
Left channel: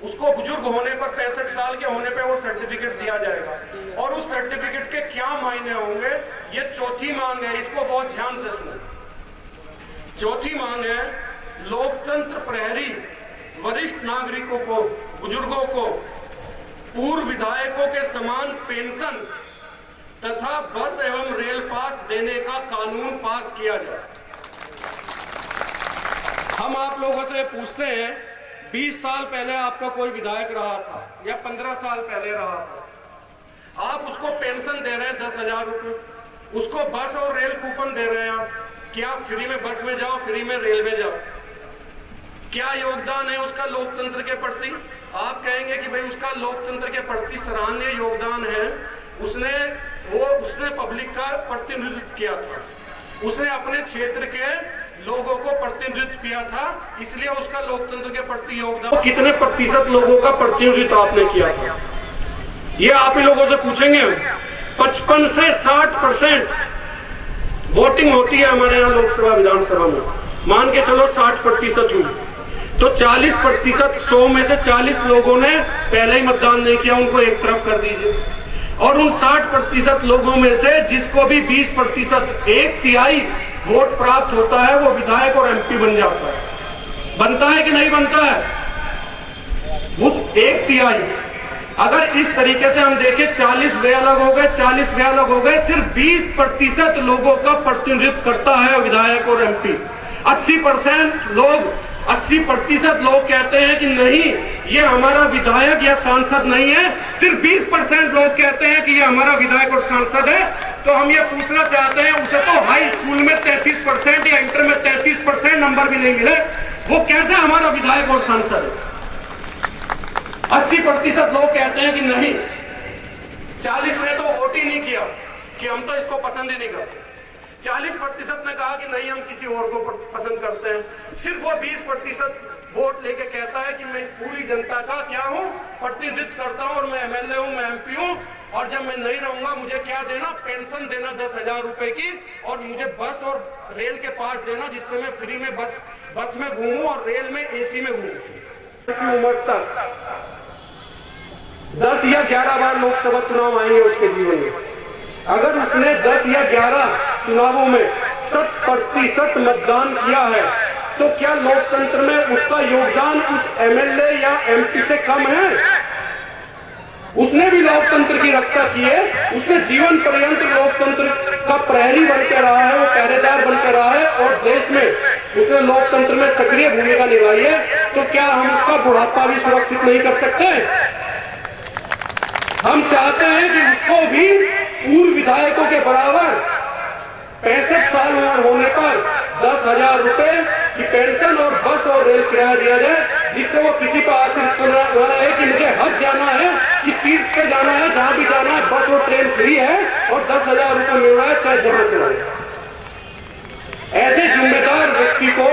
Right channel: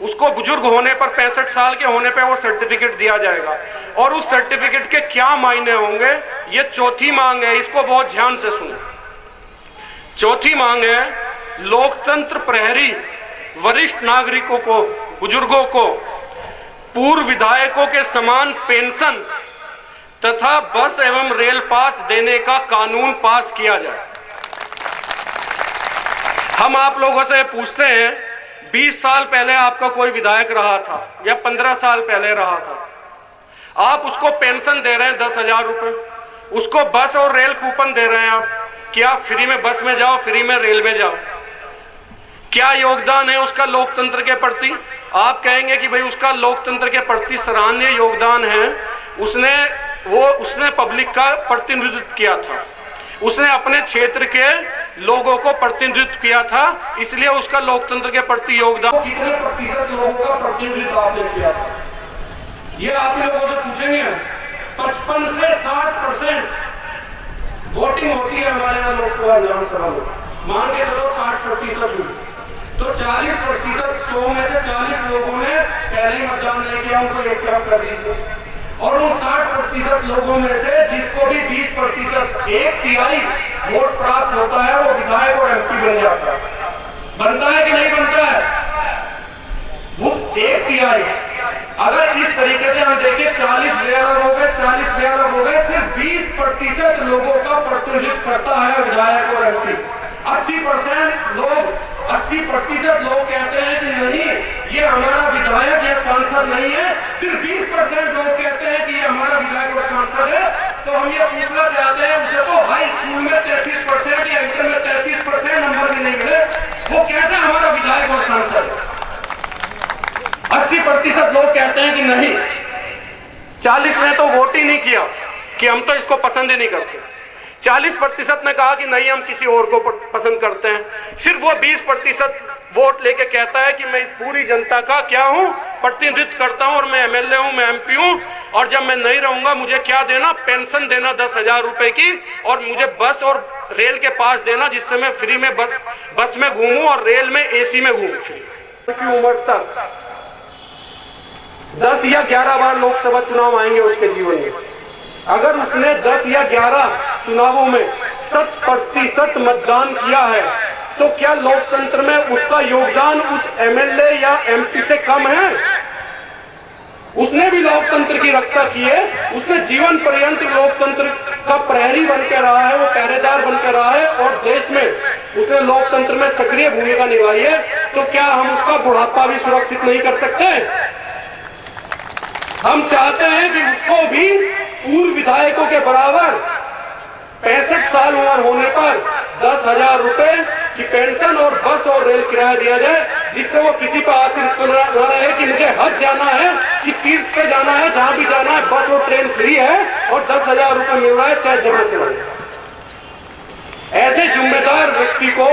उसको बुजुर्ग होने पर 65 साल के होने पर वो सर्टिफिकेट दिया जाएगा। और उस सर्टिफिकेट के क्या मायने होंगे, ये चौथी मांग है, इसको बहुत ध्यान से सुनो। चौथी मांग है, लोकतंत्र प्रहरी वरिष्ठ नागरिकों को, बुजुर्गों को पूर्व विधायकों के समान पेंशन तथा बस एवं रेल पास देने का कानून पास किया जाए। हम आप लोगों से पूछते हैं, 20 साल पहले आपका कोई विधायक रहा था या 15 साल पहले रहा था, आप उसको पेंशन दे रहे हैं 10,000 रुपए, उसको बस और रेल कूपन दे रहे हैं आप कि आप फ्री में बस में जाओ, फ्री में रेल में जाओ। क्या योगदान है उसका लोकतंत्र के प्रति? आप कहेंगे कि भाई उसका लोकतंत्र के प्रति सराहनीय योगदान है, उसने पब्लिक का प्रतिनिधित्व किया था, उसने अपने क्षेत्र के लोगों को प्रतिनिधित्व किया था, इसलिए उसका लोकतंत्र के प्रति योगदान। कितने प्रतिशत लोगों का प्रतिनिधित्व आपने किया था, ये आप ही लोगों से पूछेंगे। 55 से 60% वोटिंग होती है हमारे यहाँ लोकसभा विधानसभा में, मान के चलो 60% हुई, तो 40%, 100 में से 40 लोगों ने पहले ही मतदान नहीं किया, उनको एक तरफ कर दीजिए। और उन 60% लोगों में से जिसको भी 20%, 1/3 वोट प्राप्त होता है, वो विधायक और एमपी बन जाता है। बनता है कि नहीं बनता है? उस 1/3, अगर इस तरीके से हम देखें, 40 वे अलग हो गए, 40 वे अलग हो गए, सिर्फ 20% लोगों का प्रतिनिधित्व करता है विधायक और एमपी। 80% लोग कहते हैं कि नहीं, ये हमारा विधायक या सांसद नहीं है, सिर्फ 20% लोग कहते हैं कि ये हमारा विधायक और सांसद है। तो हम ये पूछना चाहते हैं, उसे तो हाई स्कूल में 33% या इंटर में 33% नंबर भी नहीं मिले, वो कैसे हमारा विधायक और सांसद है? 80% लोग कहते हैं कि नहीं, 40 ने तो वोट ही नहीं किया कि हम तो इसको पसंद ही नहीं करते, 40% ने कहा कि नहीं हम किसी और को पसंद करते हैं। सिर्फ वो 20% वोट लेके कहता है कि मैं इस पूरी जनता का क्या हूं, प्रतिनिधित्व करता हूं, और मैं एमएलए हूं, मैं एमपी हूं, और जब मैं नहीं रहूंगा मुझे क्या देना, पेंशन देना 10,000 रुपए की, और मुझे बस और रेल के पास देना जिससे मैं फ्री में बस में घूमूं और रेल में एसी में घूमूं। उम्र तक 10 या 11 बार लोकसभा चुनाव आएंगे उसके जीवन में, अगर उसने 10 या 11 चुनावों में 100% मतदान किया है, तो क्या लोकतंत्र में उसका योगदान उस एमएलए या एमपी से कम है? उसने भी लोकतंत्र की रक्षा की है, उसने जीवन पर्यंत लोकतंत्र का प्रहरी बनकर रहा है, वो पहरेदार बनकर रहा है, और देश में उसने लोकतंत्र में सक्रिय भूमिका निभाई है। तो क्या हम उसका बुढ़ापा भी सुरक्षित नहीं कर सकते? हम चाहते हैं कि उसको भी पूर्व विधायकों के बराबर 65 साल उम्र होने पर 10,000 रुपए की पेंशन और बस और रेल किराया दिया जाए, जिससे वो किसी पर आश्रित न रहे कि मुझे हज जाना है कि तीर्थ पे जाना है, जहां भी जाना है बस और ट्रेन फ्री है और 10,000 रुपए मिल रहा है चाहे जहां से रहे। ऐसे जिम्मेदार व्यक्ति को,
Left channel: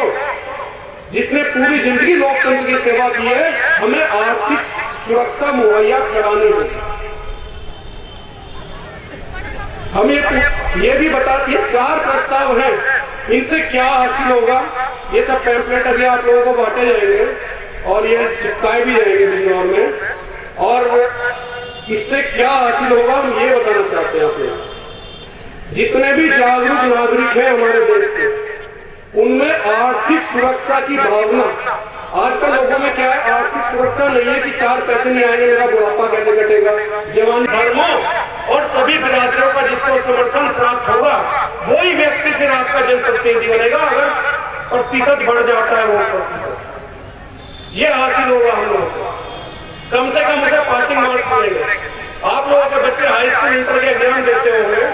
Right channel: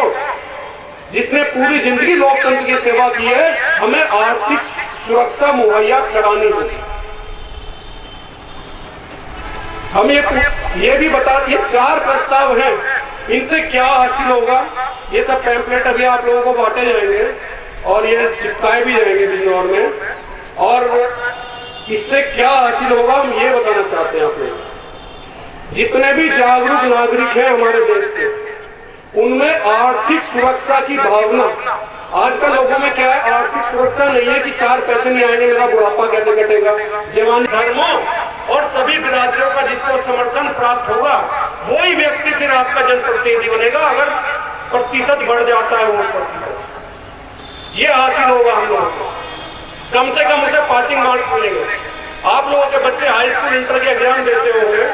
जिसने पूरी जिंदगी लोकतंत्र की सेवा की है, हमें आर्थिक सुरक्षा मुहैया करानी होगी। हम ये भी बताते हैं 4 प्रस्ताव हैं, इनसे क्या हासिल होगा। ये सब पैम्पलेट अभी आप लोगों को बांटे जाएंगे और ये चिपकाए भी जाएंगे बिजनौर में, और इससे क्या हासिल होगा हम ये बताना चाहते हैं आप लोग। जितने भी जागरूक नागरिक हैं हमारे देश के, उनमें आर्थिक सुरक्षा की भावना, आजकल लोगों में क्या है, आर्थिक सुरक्षा नहीं है कि 4 पैसे नहीं आएंगे, मेरा बुढ़ापा कैसे कटेगा। जवानी धर्मों और सभी बिरादरियों का जिसको समर्थन प्राप्त होगा वही व्यक्ति फिर आपका जनप्रतिनिधि बनेगा, अगर प्रतिशत बढ़ जाता है वो प्रतिशत। ये हासिल होगा हम लोगों को, कम से कम उसे पासिंग मार्क्स मिलेंगे। आप लोगों के बच्चे हाई स्कूल इंटर के एग्जाम देते होंगे,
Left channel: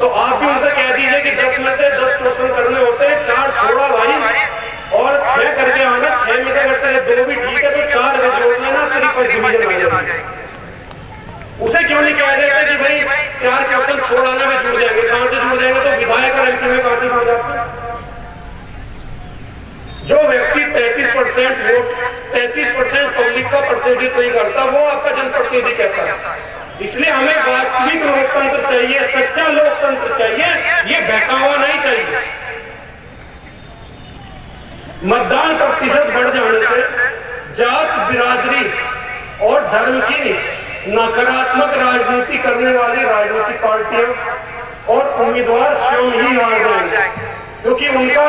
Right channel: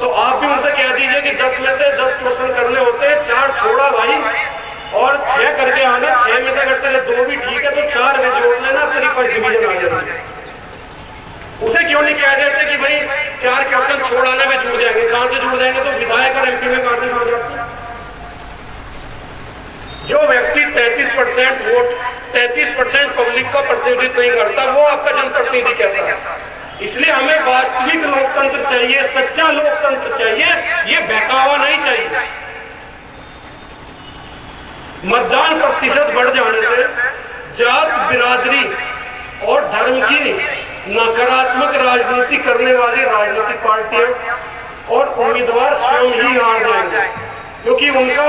तो आप भी उनसे कह दीजिए कि 10 में से 10 क्वेश्चन करने होते हैं, 4 छोड़ा भाई और 6 करके आना। 6 में से अगर तेरे 2 भी ठीक है तो 4 में जोड़ लेना, तेरी फर्स्ट डिवीजन आ जाएगी। उसे क्यों नहीं कहा जाता कि भाई 4 क्वेश्चन छोड़ आने में जुड़ जाएंगे। कहां से जुड़ जाएंगे? तो विधायक और एमपी में कहां से जुड़ जाते हैं? जो व्यक्ति 33% वोट, 33% पब्लिक का प्रतिनिधित्व नहीं करता, वो आपका जनप्रतिनिधि कैसा है? इसलिए हमें वास्तविक लोकतंत्र चाहिए, सच्चा लोकतंत्र चाहिए, ये बहकावा नहीं चाहिए। मतदान प्रतिशत बढ़ जाने से जात, बिरादरी और धर्म की नकारात्मक राजनीति करने वाली राजनीतिक पार्टियां और उम्मीदवार स्वयं ही हार जाएंगे, क्योंकि उनका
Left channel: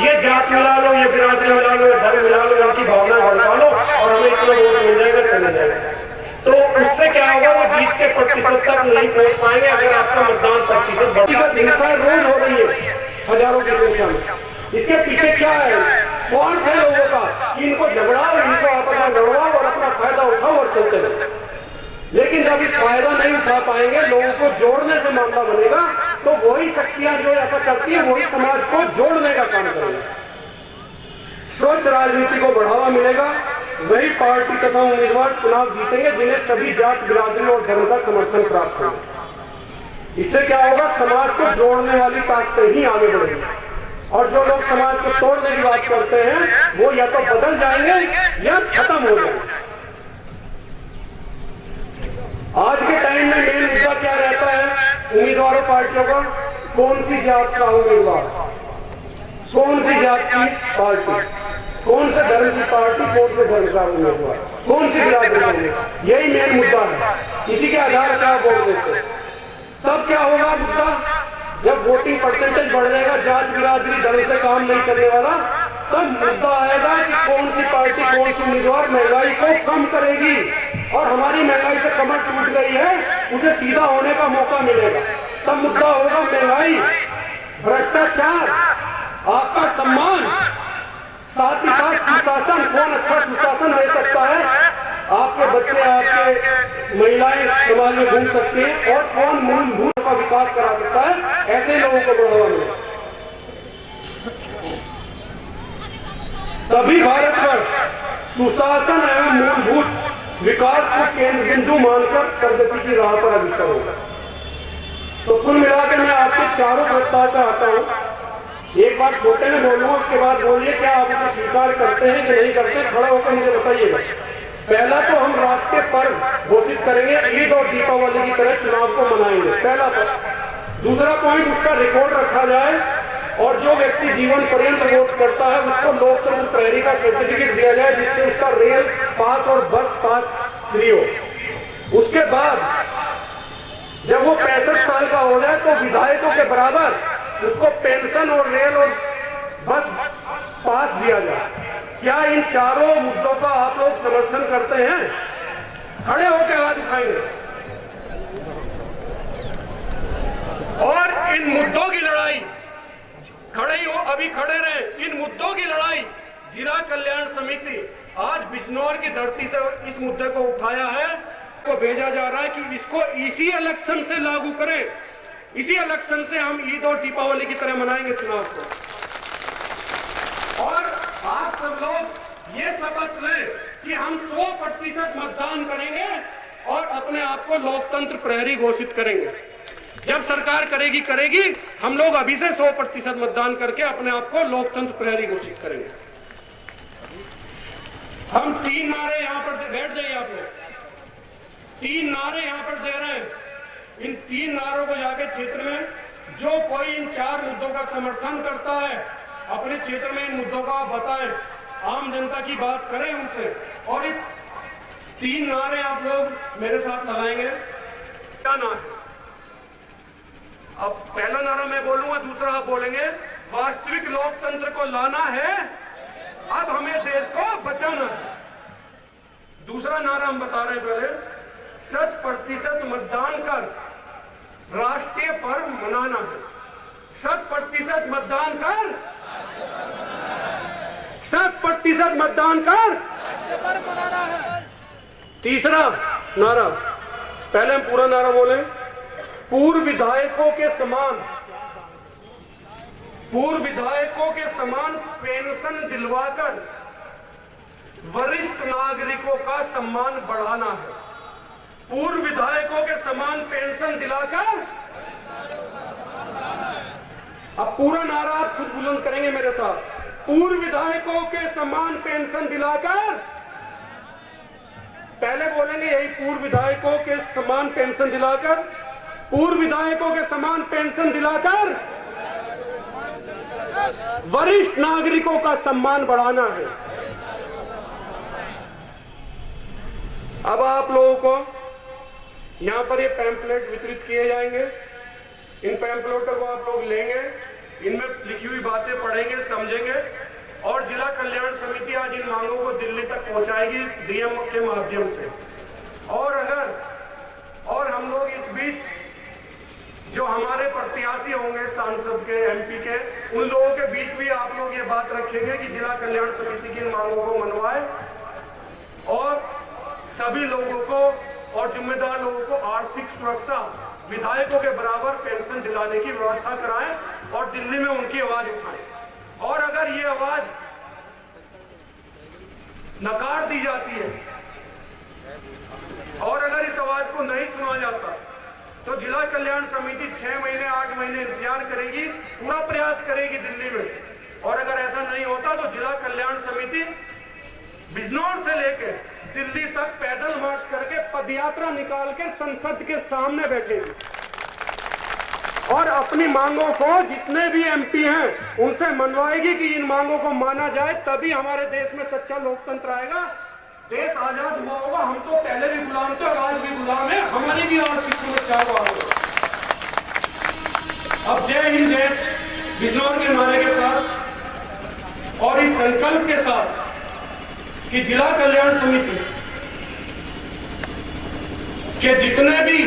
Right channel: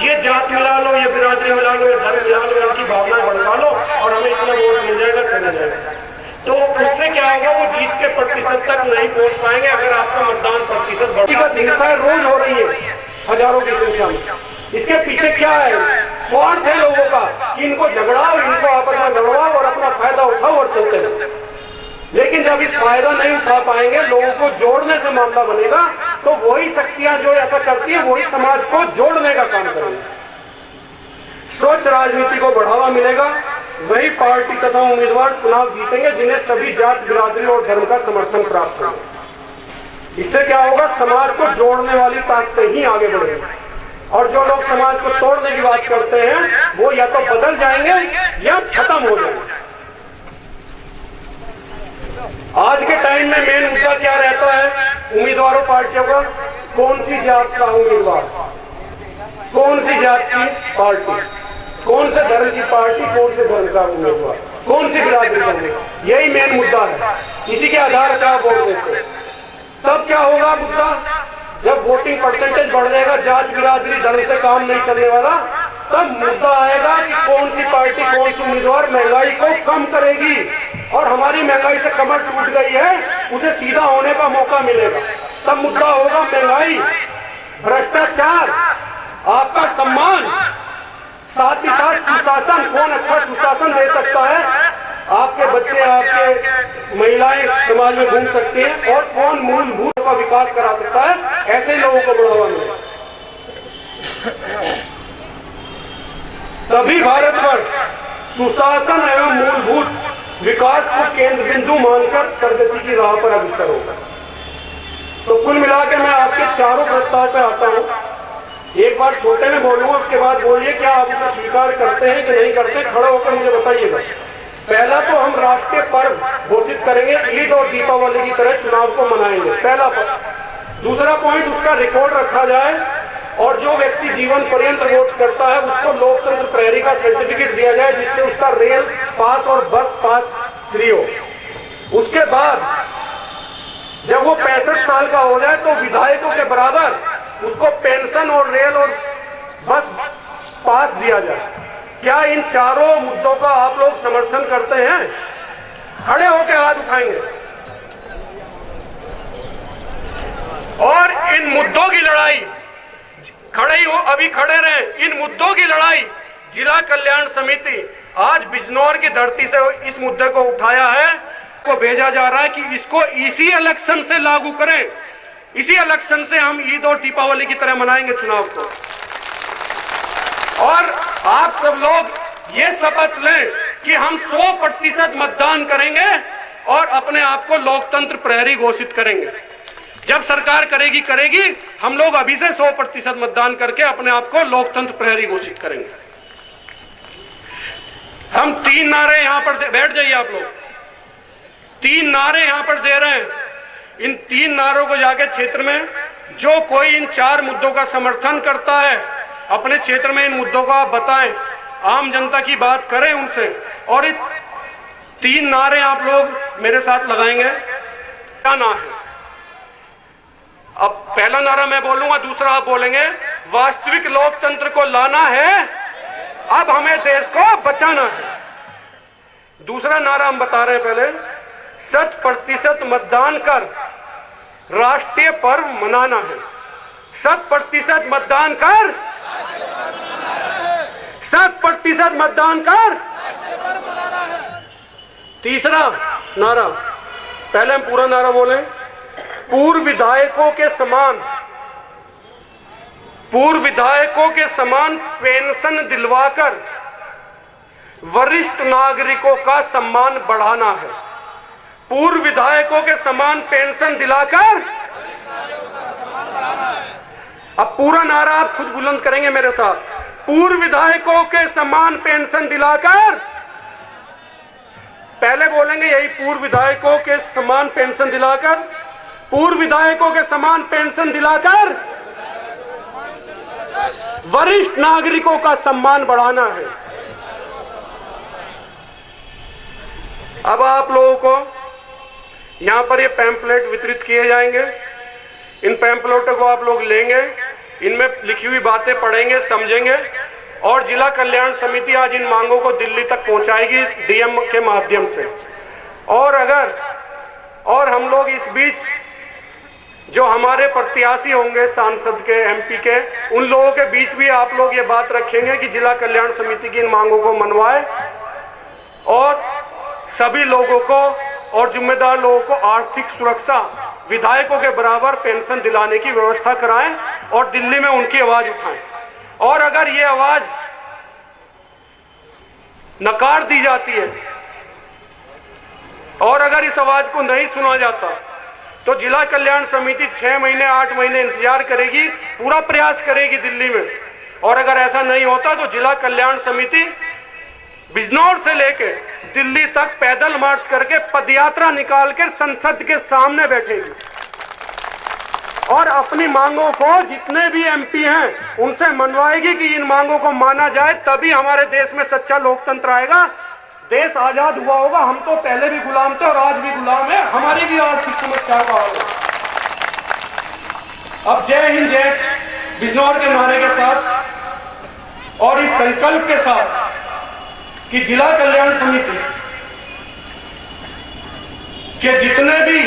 ये जात मिला लो, ये बिरादरी मिला लो, ये धर्म मिला लो, इनकी भावना भड़का लो और हमें इतना वोट मिल जाएगा, चला जाएगा। तो उससे क्या होगा, वो जीत के प्रतिशत तक नहीं पहुंच पाएंगे अगर आपका मतदान प्रतिशत हिंसा रोज हो रही है हजारों की संख्या में। इसके पीछे क्या है? स्वार्थ है लोगों का कि इनको झगड़ाओ, इनको आपस में लड़वाओ और अपना फायदा उठाओ और चलते रहो। लेकिन जब इस फायदा नहीं उठा पाएंगे, लोगों को जोड़ने से मामला बनेगा, तो वही शक्तियां जो ऐसा करती है वही समाज को जोड़ने का काम करेंगे। स्वच्छ राजनीति को बढ़ावा मिलेगा, वही पार्टी तथा उम्मीदवार चुनाव जीतेंगे जिन्हें सभी जात, बिरादरी और धर्म का समर्थन प्राप्त होगा। इससे क्या होगा, समाज को जोड़ने वाली ताकतें ही आगे बढ़ेंगी, और जो लोग समाज को तोड़ने की बात करते हैं वो या तो बदल जाएंगे या खत्म हो जाएंगे। आज के टाइम में मेन मुद्दा क्या रहता है उम्मीदवारों, पार्टियों का? कौन सी जात का उम्मीदवार, कौन सी जात की पार्टी, कौन से धर्म की पार्टी, कौन से धर्म का उम्मीदवार, कौन सी बिरादरी का उम्मीदवार, यही मेन मुद्दा है। इसी के आधार पर आप वोट देते हैं। तब क्या होगा मुद्दा, जब वोटिंग परसेंटेज बढ़ जाएगा, जात, बिरादरी, धर्म से काम नहीं चलने वाला, तब मुद्दा आएगा कि कौन सी पार्टी, कौन सी उम्मीदवार महंगाई को कम करेगी, और हमारी महंगाई से कमर टूट गई है, उसे सीधा होने का मौका मिलेगा। तब मुद्दा होगा महंगाई, भ्रष्टाचार, आपका सम्मान, साथ ही साथ सुशासन। कौन अच्छा सुशासन दे सकता है? आपके बच्चे, आपके महिलाएं समाज में घूम सकती हैं, और कौन मूलभूत का विकास करा सकता है? ऐसे लोगों को बढ़ावा मिले, तभी भारतवर्ष सुशासन एवं मूलभूत विकास को केंद्र बिंदु मानकर प्रगति की राह पर अग्रसर होगा। तो कुल मिलाकर मैं आपके चारों प्रस्ताव पर आता हूं। एक बार छोटे में बोलूंगा, उसके बाद बोलिए क्या आप इसे स्वीकार करते हैं कि नहीं करते, खड़ा होकर मुझे बताइएगा। पहला तो हम राष्ट्रीय पर्व घोषित करेंगे, ईद और दीपावली की तरह चुनाव को मनाएंगे, पहला पर्व। दूसरा पॉइंट, उसका रिकॉर्ड रखा जाए, और जो व्यक्ति जीवन पर्यंत वोट करता है उसको लोकतंत्र प्रहरी का सर्टिफिकेट दिया जाए, जिससे उसका रेल पास और बस पास फ्री हो। उसके बाद जब वो 65 साल का हो जाए तो विधायकों के बराबर उसको पेंशन और रेल और बस पास दिया जाए। क्या इन चारों मुद्दों का आप लोग समर्थन करते हैं? खड़े होकर हाथ उठाएंगे। और इन मुद्दों की लड़ाई, खड़े ही हो, अभी खड़े रहे, इन मुद्दों की लड़ाई जिला कल्याण समिति आज बिजनौर की धरती से इस मुद्दे को उठाया है। को भेजा जा रहा है कि इसको इसी इलेक्शन से लागू करें, इसी इलेक्शन से हम ईद और दीपावली की तरह मनाएंगे चुनाव को। और आप सब लोग ये शपथ लें कि हम 100% मतदान करेंगे और अपने आप को लोकतंत्र प्रहरी घोषित करेंगे। जब सरकार करेगी, हम लोग अभी से 100% मतदान करके अपने आप को लोकतंत्र प्रहरी घोषित करेंगे। हम 3 नारे यहां पर, बैठ जाइए आप लोग, 3 नारे यहां पर दे रहे हैं। इन 3 नारों को जाके क्षेत्र में जो कोई इन 4 मुद्दों का समर्थन करता है, अपने क्षेत्र में इन मुद्दों को आप बताएं, आम जनता की बात करें उनसे। और ये 3 नारे आप लोग मेरे साथ लगाएंगे। क्या नारा है? अब पहला नारा मैं बोलूंगा, दूसरा आप बोलेंगे। वास्तविक लोकतंत्र को लाना है, अब हमें देश को बचाना है। दूसरा नारा हम बता रहे हैं पहले, 100% मतदान कर राष्ट्रीय पर्व मनाना है। 100% मतदान कर, 100% मतदान कर। तीसरा नारा, पहले हम पूरा नारा बोले, पूर्व विधायकों के समान पेंशन दिलवाकर वरिष्ठ नागरिकों का सम्मान बढ़ाना है। पूर्व विधायकों के समान पेंशन दिलाकर, अब पूरा नारा आप खुद बुलंद करेंगे मेरे साथ। पूर्व विधायकों के समान पेंशन दिलाकर, पहले बोलेंगे यही, पूर्व विधायकों के समान पेंशन दिलाकर, पूर्व विधायकों के समान पेंशन दिलाकर वरिष्ठ नागरिकों का सम्मान बढ़ाना है। अब आप लोगों को यहां पर ये पैम्पलेट वितरित किए जाएंगे। इन पैम्पलेटों को आप लोग लेंगे, इनमें लिखी हुई बातें पढ़ेंगे, समझेंगे और जिला कल्याण समिति आज इन मांगों को दिल्ली तक पहुंचाएगी डीएम के माध्यम से। और हम लोग इस बीच जो हमारे प्रत्याशी होंगे सांसद के, एमपी के, उन लोगों के बीच भी आप लोग ये बात रखेंगे कि जिला कल्याण समिति की इन मांगों को मनवाए और सभी लोगों को और जिम्मेदार लोगों को आर्थिक सुरक्षा, विधायकों के बराबर पेंशन दिलाने की व्यवस्था कराएं और दिल्ली में उनकी आवाज उठाएं। और अगर ये आवाज नकार दी जाती है और अगर इस आवाज को नहीं सुना जाता तो जिला कल्याण समिति 6 महीने 8 महीने इंतजार करेगी, पूरा प्रयास करेगी दिल्ली में। और अगर ऐसा नहीं होता तो जिला कल्याण समिति बिजनौर से लेकर दिल्ली तक पैदल मार्च करके पदयात्रा निकाल कर संसद के सामने बैठेगी और अपनी मांगों को, जितने भी एमपी हैं उनसे मनवाएगी कि इन मांगों को माना जाए, तभी हमारे देश में सच्चा लोकतंत्र आएगा। देश आजाद हुआ होगा। हम तो पहले भी गुलाम थे और आज भी गुलाम है, हमारी भी आर्थिक समस्या का होगा। अब जय हिंद जय बिजनौर के नारे के साथ और इस संकल्प के साथ कि जिला कल्याण समिति के जितने भी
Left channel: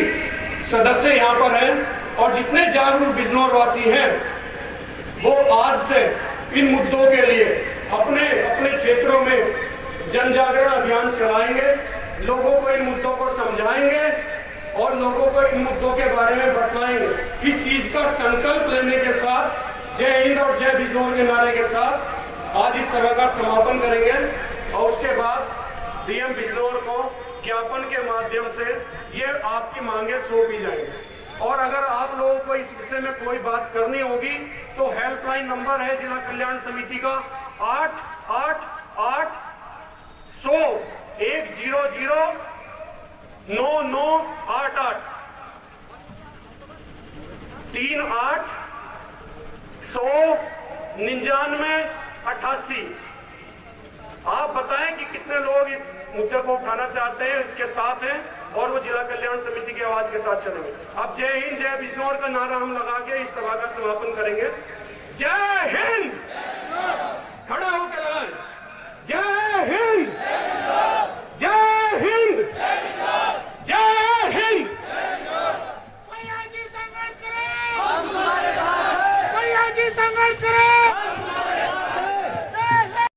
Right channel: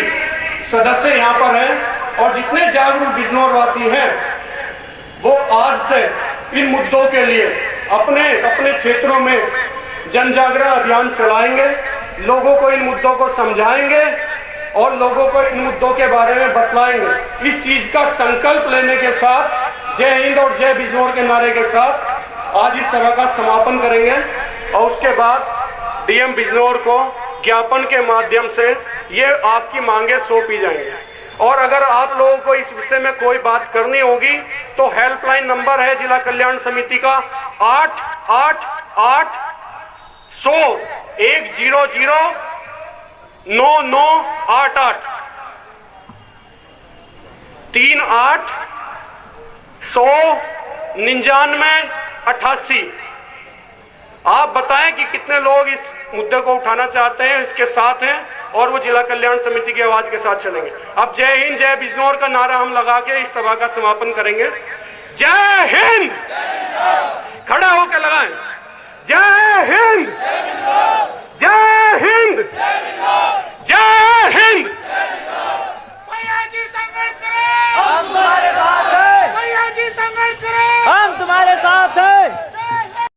सदस्य यहां पर हैं और जितने जागरूक बिजनौर वासी हैं, वो आज से इन मुद्दों के लिए अपने अपने क्षेत्रों में जन जागरण अभियान चलाएंगे, लोगों को इन मुद्दों को समझाएंगे और लोगों को इन मुद्दों के बारे में बतलाएंगे। इस चीज का संकल्प लेने के साथ जय हिंद और जय बिजनौर के नारे के साथ आज इस सभा का समापन करेंगे और उसके बाद डीएम बिजनौर को ज्ञापन के माध्यम से ये आपकी मांगे सौंपी जाएंगी। और अगर आप लोगों को इस विषय में कोई बात करनी होगी तो हेल्पलाइन नंबर है जिला कल्याण समिति का 888-100-9988 38-100-9988। आप बताएं कि कितने लोग इस मुद्दे को उठाना चाहते हैं, इसके साथ हैं और वो जिला कल्याण समिति की आवाज के साथ चलेंगे। अब जय हिंद जय बिजनौर का नारा हम लगा के इस सभा का समापन करेंगे। जय हिंद, खड़ा होकर लगाएं। जय हिंद।